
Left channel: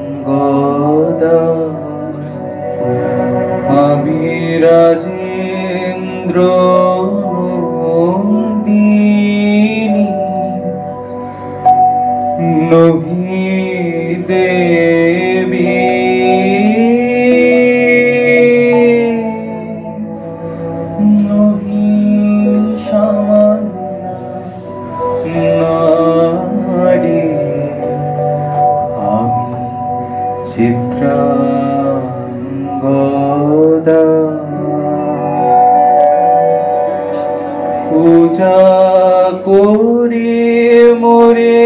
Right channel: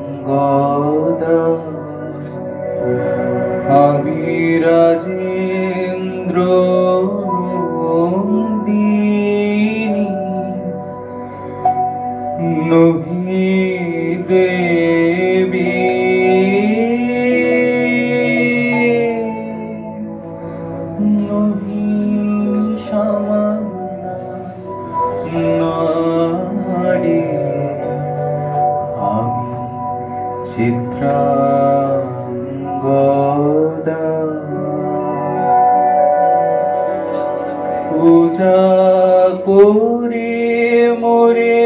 চিত্রাঙ্গদা আমি রাজেন্দ্র নন্দিনী নহি দেবী নহি নারী। চিত্রাঙ্গদা পূজা করে মোরে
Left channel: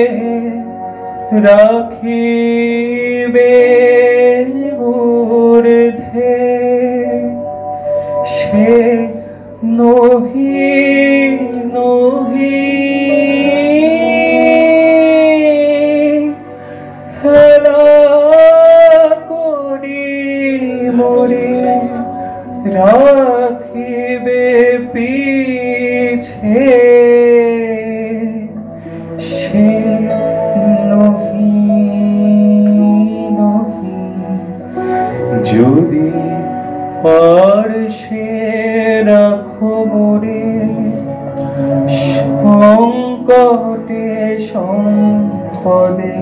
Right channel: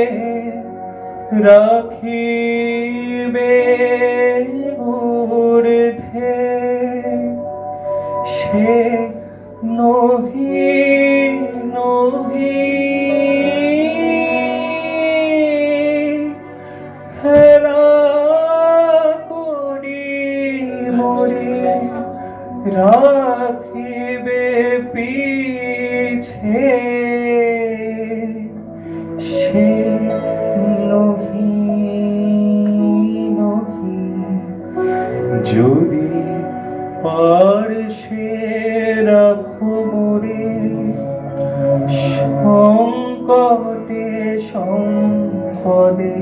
রাখিবে ঊর্ধ্বে, সে নহি নহি রাখিবে পিছে, সে নহি নহি। যদি পারসে রাখো মোরে সংকটে সম্পদে,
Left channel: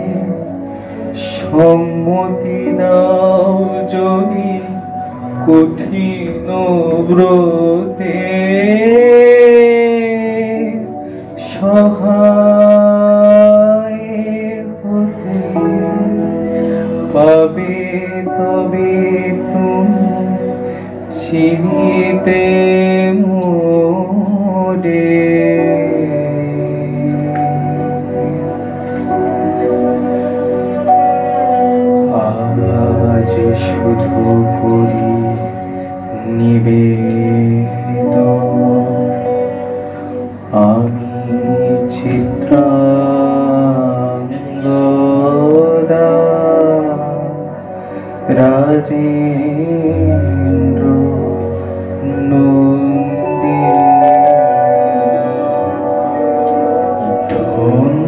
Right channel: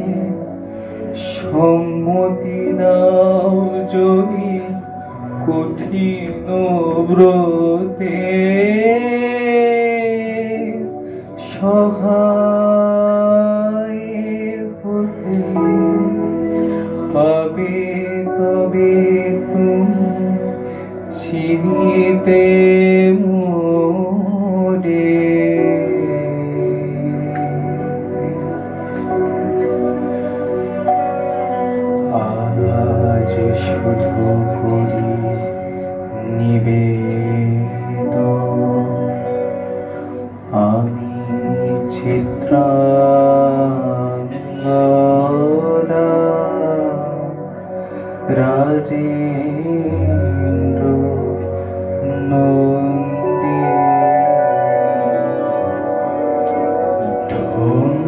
সম্মতি দাও যদি কঠিন ব্রতে, সহায় হতে পাবে তবে তুমি চিনিতে মোরে। আজ শুধু করি নিবেদন, আমি চিত্রাঙ্গদা রাজেন্দ্র নন্দিনী। ধন্য